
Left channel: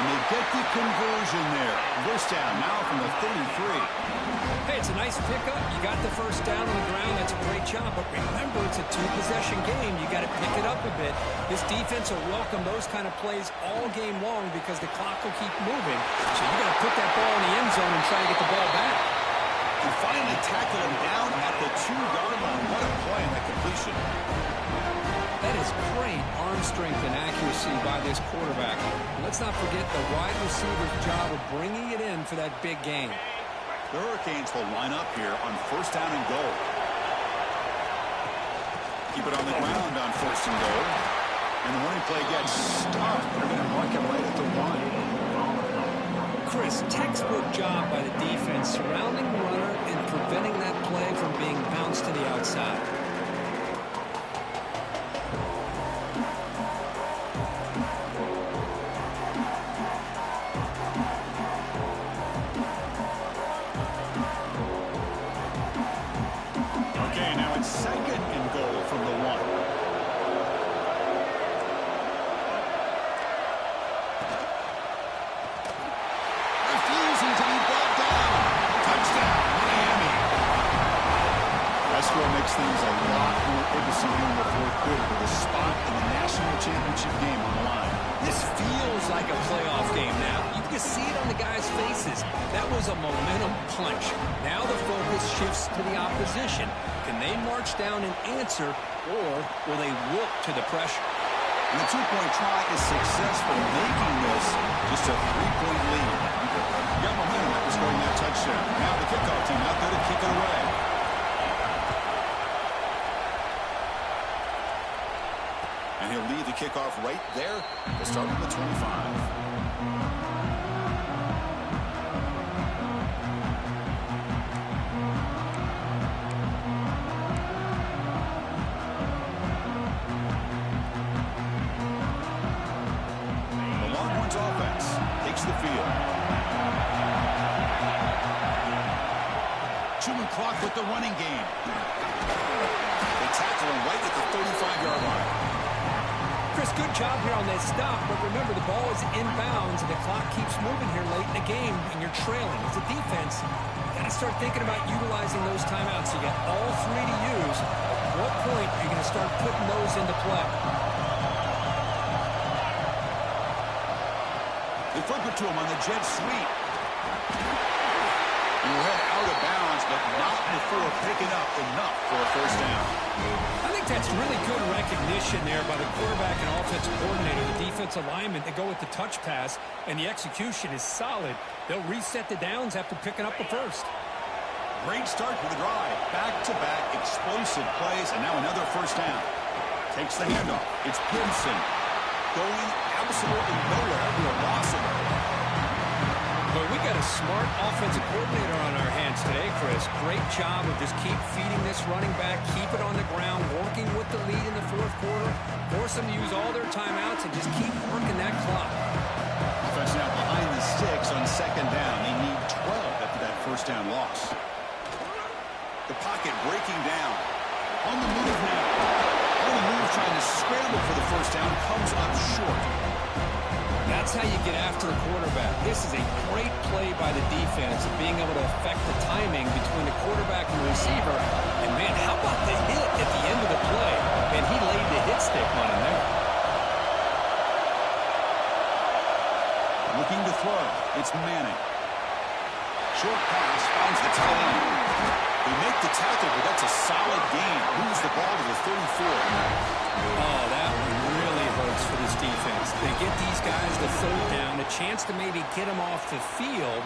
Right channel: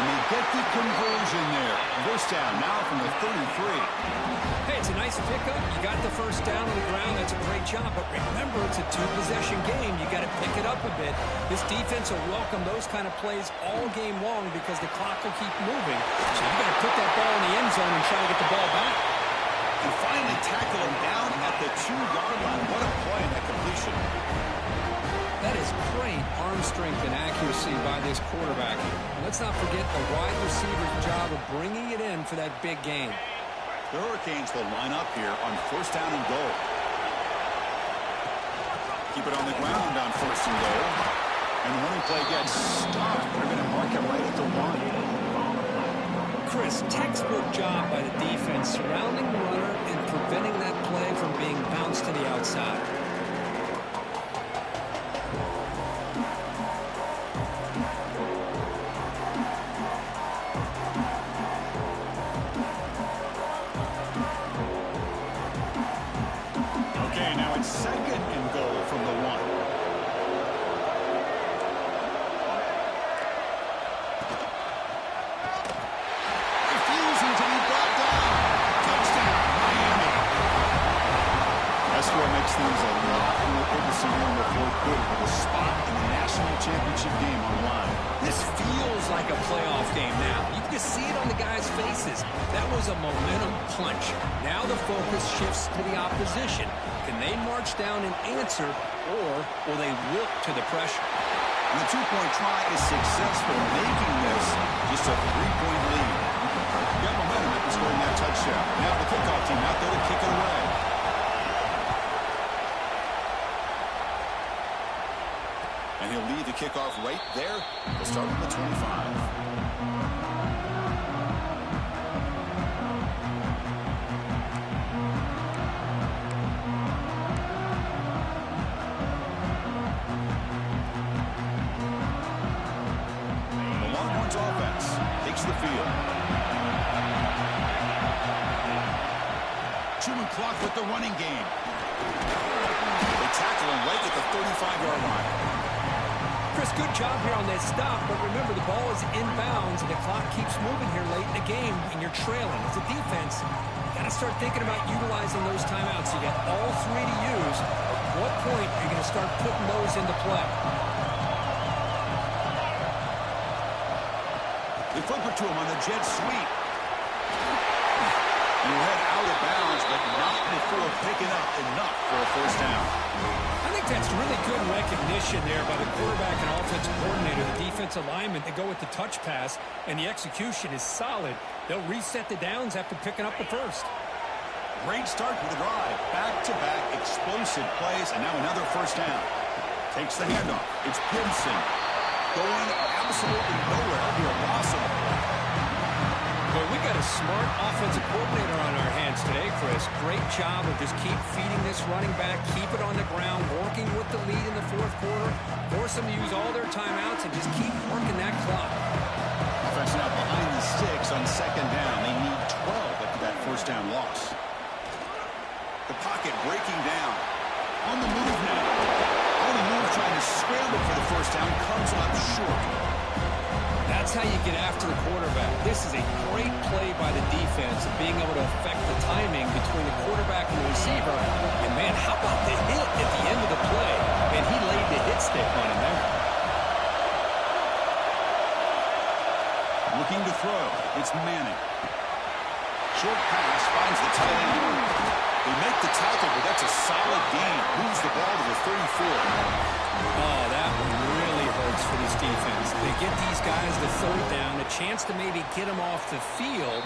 And they get the conversion there. First down now from the 33. Hey, it's a nice pickup. You got the first down on the ground. That's a great job. But remember, it's a 2-possession game. You got to pick it up a bit. This defense will welcome those kind of plays all game long because the clock will keep moving. So you got to put that ball in the end zone and try to get the ball back. And finally tackle him down at the 2-yard line. What a play in that completion. That is great arm strength and accuracy by this quarterback. And let's not forget the wide receiver's job of bringing it in for that big game. The Hurricanes will line up here on 1st down and goal. Keep it on the ground on 1st and goal. And the running play gets stopped. They're going to mark him right at the 1. Chris, textbook job by the defense surrounding the runner and preventing that play from being bounced to the outside. Okay, now it's 2nd and goal from the 1. Refusing to be brought down. Touchdown, Miami. That score makes things a lot more interesting here in the 4th quarter with a spot in the national championship game on the line. This feels like a playoff game now. You can see it on the guys' faces. That was a momentum punch. Now the focus shifts to the opposition. Can they march down and answer, or will they wilt to the pressure? And the 2-point try is successful, making this just a 3-point lead. You got momentum after scoring that touchdown. Now the kickoff team out there to kick it away. And he'll lead the kickoff right there. They'll start on the 25. The field. Chewing clock with the running game. They tackle him right at the 35-yard line. Chris, good job here on that stop, but remember the ball is inbounds and the clock keeps moving here late in the game and you're trailing. As a defense, you got to start thinking about utilizing those timeouts. You got all 3 to use. At what point are you going to start putting those into play? They flip it to him on the jet sweep. And he'll head out of bounds, but not before picking up enough for a 1st down. I think that's really good recognition there by the quarterback and offensive coordinator, the defensive lineman. They go with the touch pass, and the execution is solid. They'll reset the downs after picking up the 1st. Great start to the drive. Back-to-back explosive plays, and now another 1st down. Takes the handoff. It's Gibson. Going absolutely nowhere. It'll be a loss of the play. But we got a smart offensive coordinator on our hands today, Chris. Great job of just keep feeding this running back, keep it on the ground, working with the lead in the 4th quarter, force them to use all their timeouts, and just keep working that clock. Offense now behind the sticks on 2nd down. They need 12 after that 1st down loss. The pocket breaking down. On the move now. On the move, trying to scramble for the 1st down, comes up short. That's how you get after the quarterback. This is a great play by the defense of being able to affect the timing between the quarterback and the receiver. And, man, how about the hit at the end of the play? Man, he laid the hit stick on him there. Looking to throw. It's Manning. Short pass finds the tight end. They make the tackle, but that's a solid gain. Moves the ball to the 34. Oh, that one really hurts for this defense. They get these guys the 3rd down, a chance to maybe get them off the field,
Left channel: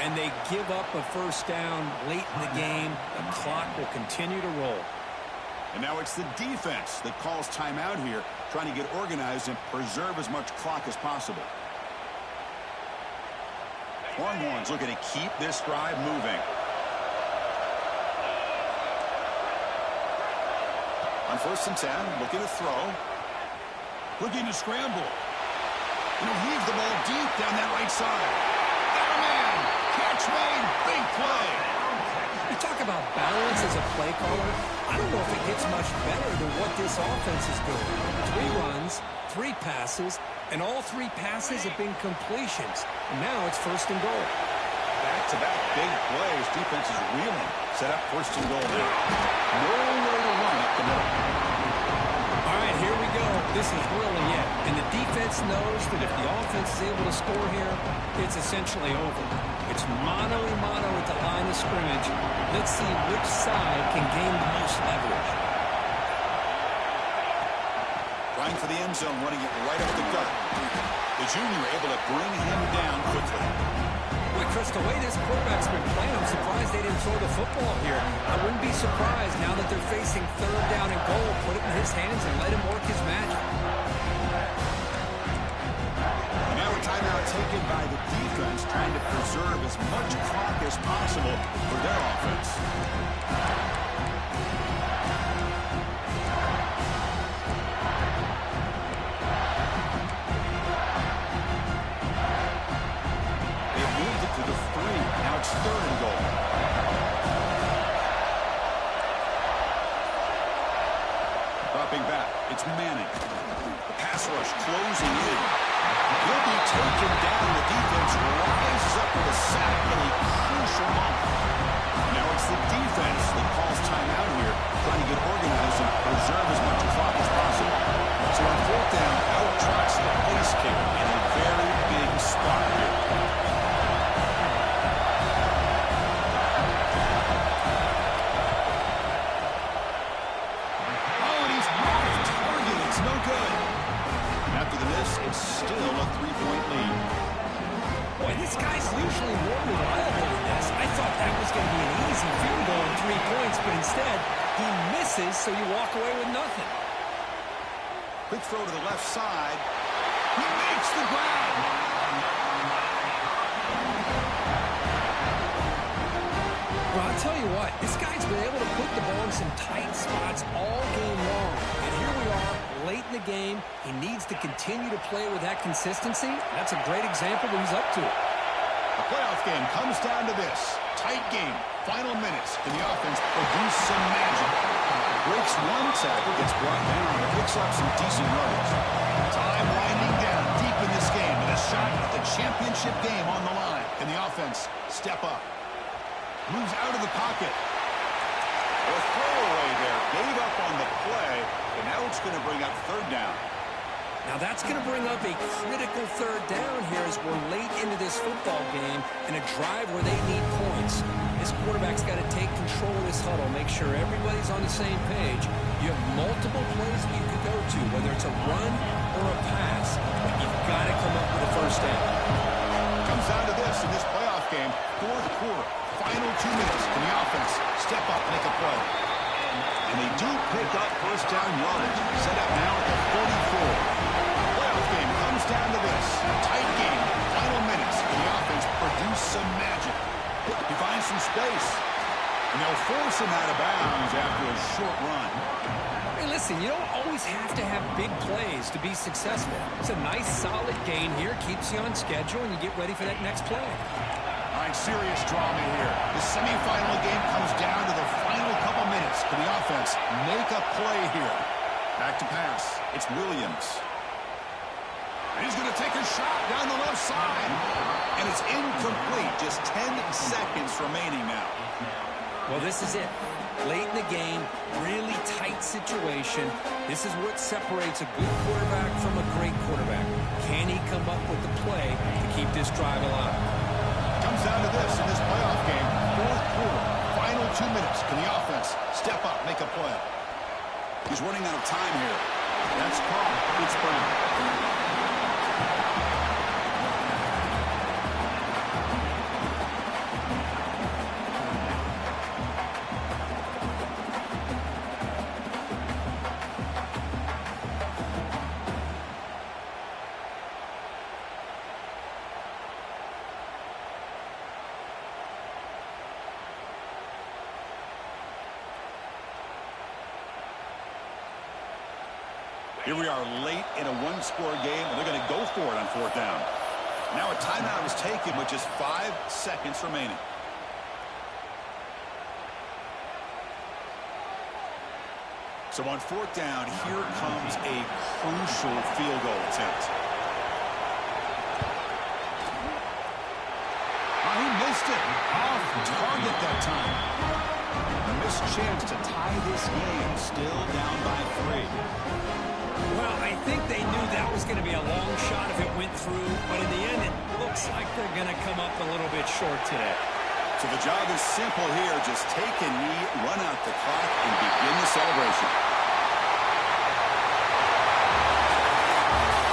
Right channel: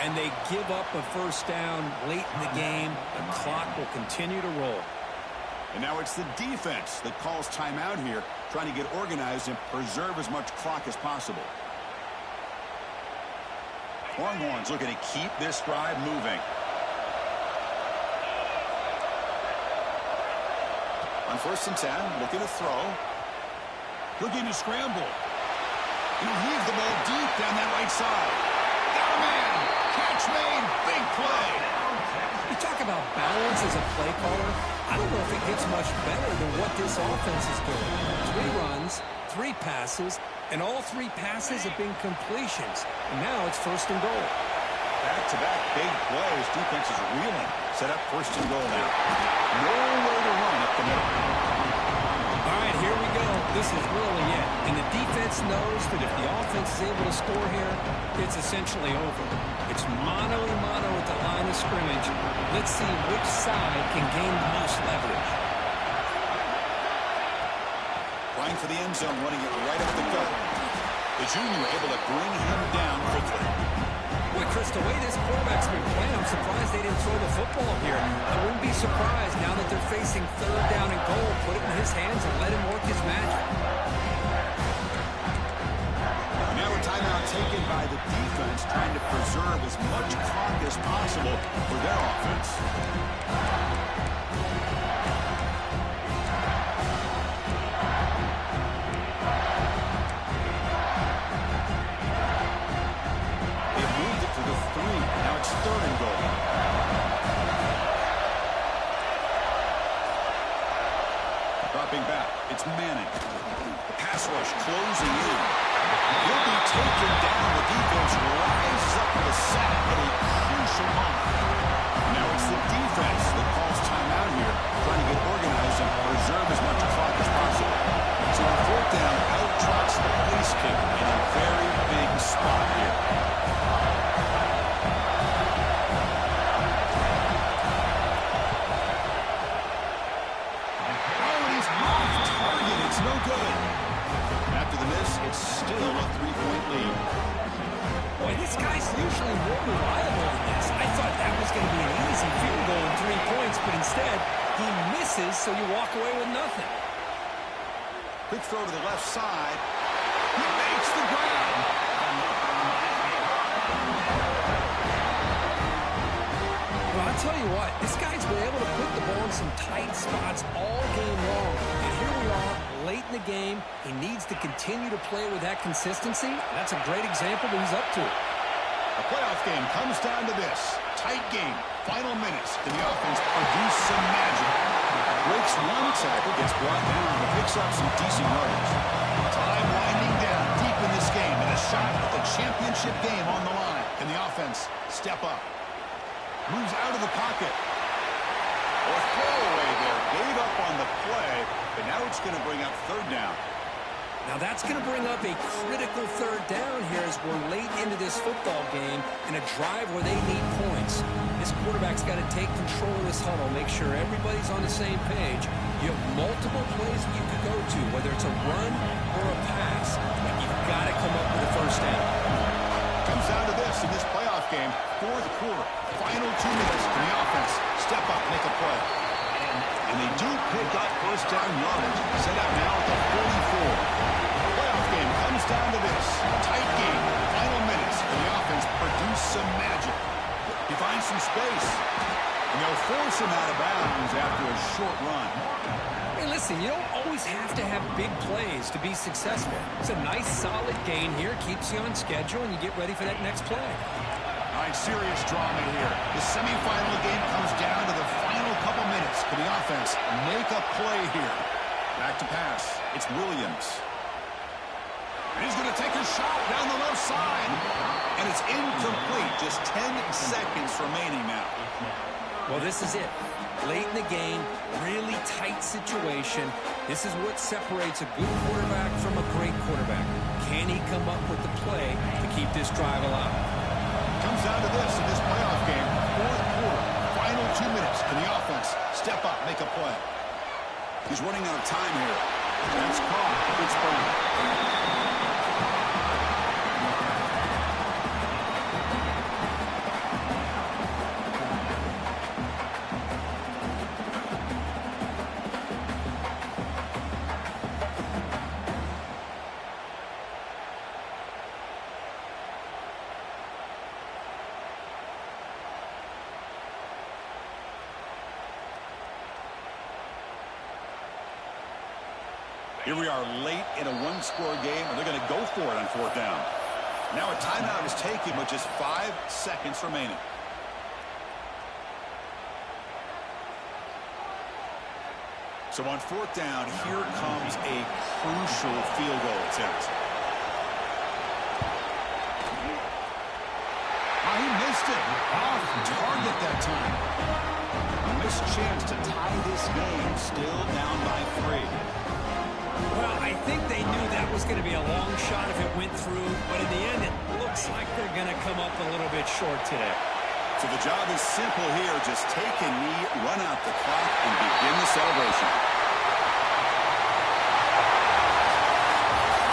and they give up a 1st down late in the game. The clock will continue to roll. And now it's the defense that calls timeout here, trying to get organized and preserve as much clock as possible. Longhorns looking to keep this drive moving. On 1st and 10, looking to throw. Looking to scramble. Heave the ball deep down that right side. Got a man. Catch made. Big play. You talk about balance as a play caller. I don't know if it gets much better than what this offense is doing. 3 runs, 3 passes, and all 3 passes have been completions. And now it's 1st and goal. Back-to-back big plays. Defense is reeling. Set up 1st and goal now. Nowhere to run up the middle. All right, here we go. This is really it. And the defense knows that if the offense is able to score here, it's essentially over. It's mano-a-mano at the line of scrimmage. Let's see which side can gain the most leverage. Trying for the end zone, running it right up the gut. The junior able to bring him down quickly. Boy, Chris, the way this quarterback's been playing, I'm surprised they didn't throw the football here. I wouldn't be surprised now that they're facing 3rd down and goal. Put it in his hands and let him work his magic. taken by the defense, trying to preserve as much clock as possible for their offense. They've moved it to the 3. Now it's 3rd and goal. Dropping back, it's Manning. The pass rush closing in. He'll be taken down. The defense rises up with a sack at a crucial moment. And now it's the defense that calls timeout here, trying to get organized and preserve as much clock as possible. So on 4th down, out trots the place kicker in a very big spot here. No good. And after the miss, it's still a 3-point lead. Boy, this guy's usually more reliable than this. I thought that was going to be an easy field goal in 3 points, but instead, he misses, so you walk away with nothing. Quick throw to the left side. He makes the grab. Well, I'll tell you what, this guy's been able to put the ball in some tight spots all game long. And here we are, late in the game. He needs to continue to play with that consistency. That's a great example that he's up to. A playoff game comes down to this. Tight game, final minutes. Can the offense produce some magic? Breaks one tackle, gets brought down, and picks up some decent yardage. Time winding down deep in this game, and a shot at the championship game on the line. Can the offense step up? Moves out of the pocket. Or throwaway there. Gave up on the play, but now it's going to bring up 3rd down. Now that's going to bring up a critical 3rd down here as we're late into this football game in a drive where they need points. This quarterback's got to take control of this huddle, make sure everybody's on the same page. You have multiple plays that you could go to, whether it's a run or a pass, but you've got to come up with a 1st down. Comes down to this in this playoff game, 4th quarter, final 2 minutes. Can the offense step up, make a play? And they do pick up 1st down yardage. Set up now at the 44. The playoff game comes down to this. Tight game, final minutes. Can the offense produce some magic? He finds some space. And they'll force him out of bounds after a short run. Hey, listen, you don't always have to have big plays to be successful. It's a nice, solid gain here. Keeps you on schedule, and you get ready for that next play. All right, serious drama here. The semifinal game comes down to the final couple minutes. Can the offense make a play here? Back to pass. It's Williams. And he's going to take a shot down the left side. And it's incomplete. Just 10 seconds remaining now. Well, this is it. Late in the game, really tight situation. This is what separates a good quarterback from a great quarterback. Can he come up with the play to keep this drive alive? Comes down to this in this playoff game. 4th quarter, final 2 minutes. Can the offense step up, make a play? He's running out of time here. That's caught. It's Brown. Here we are late in a one-score game, and they're going to go for it on 4th down. Now a timeout is taken with just 5 seconds remaining. So on 4th down, here comes a crucial field goal attempt. He missed it. Off target that time. A missed chance to tie this game, still down by 3. Well, I think they knew that was going to be a long shot if it went through, but in the end, it looks like they're going to come up a little bit short today. So the job is simple here. Just take a knee, run out the clock, and begin the celebration.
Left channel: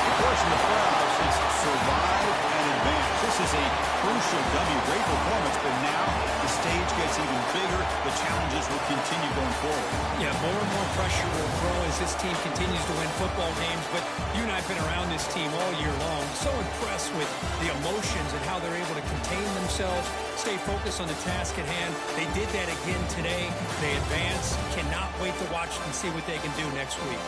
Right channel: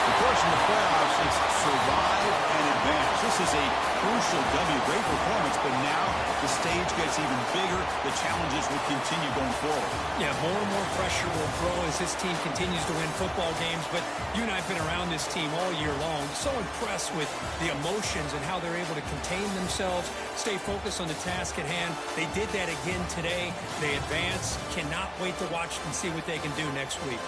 Of course, in the playoffs, it's survive and advance. This is a crucial W. Great performance, but now the stage gets even bigger, the challenges will continue going forward. Yeah, more and more pressure will grow as this team continues to win football games, but you and I have been around this team all year long. So impressed with the emotions and how they're able to contain themselves, stay focused on the task at hand. They did that again today. They advance. Cannot wait to watch and see what they can do next week.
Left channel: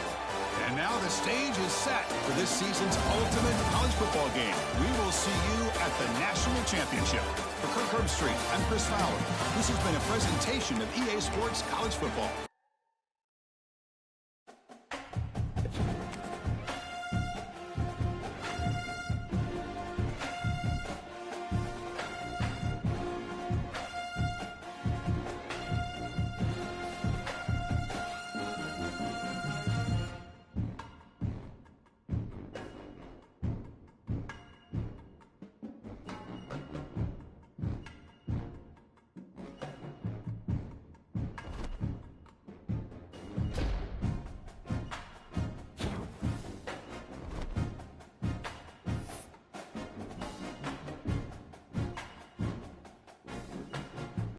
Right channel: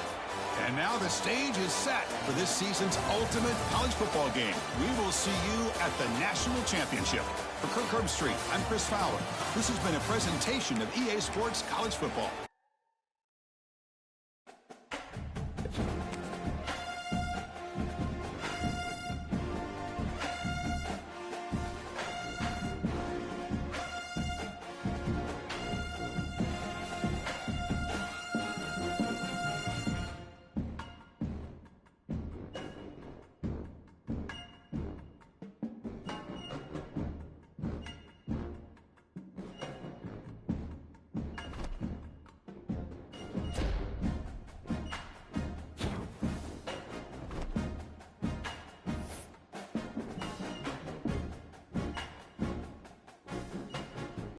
And now the stage is set for this season's ultimate college football game. We will see you at the National Championship. For Kirk Herbstreit, I'm Chris Fowler. This has been a presentation of EA Sports College Football.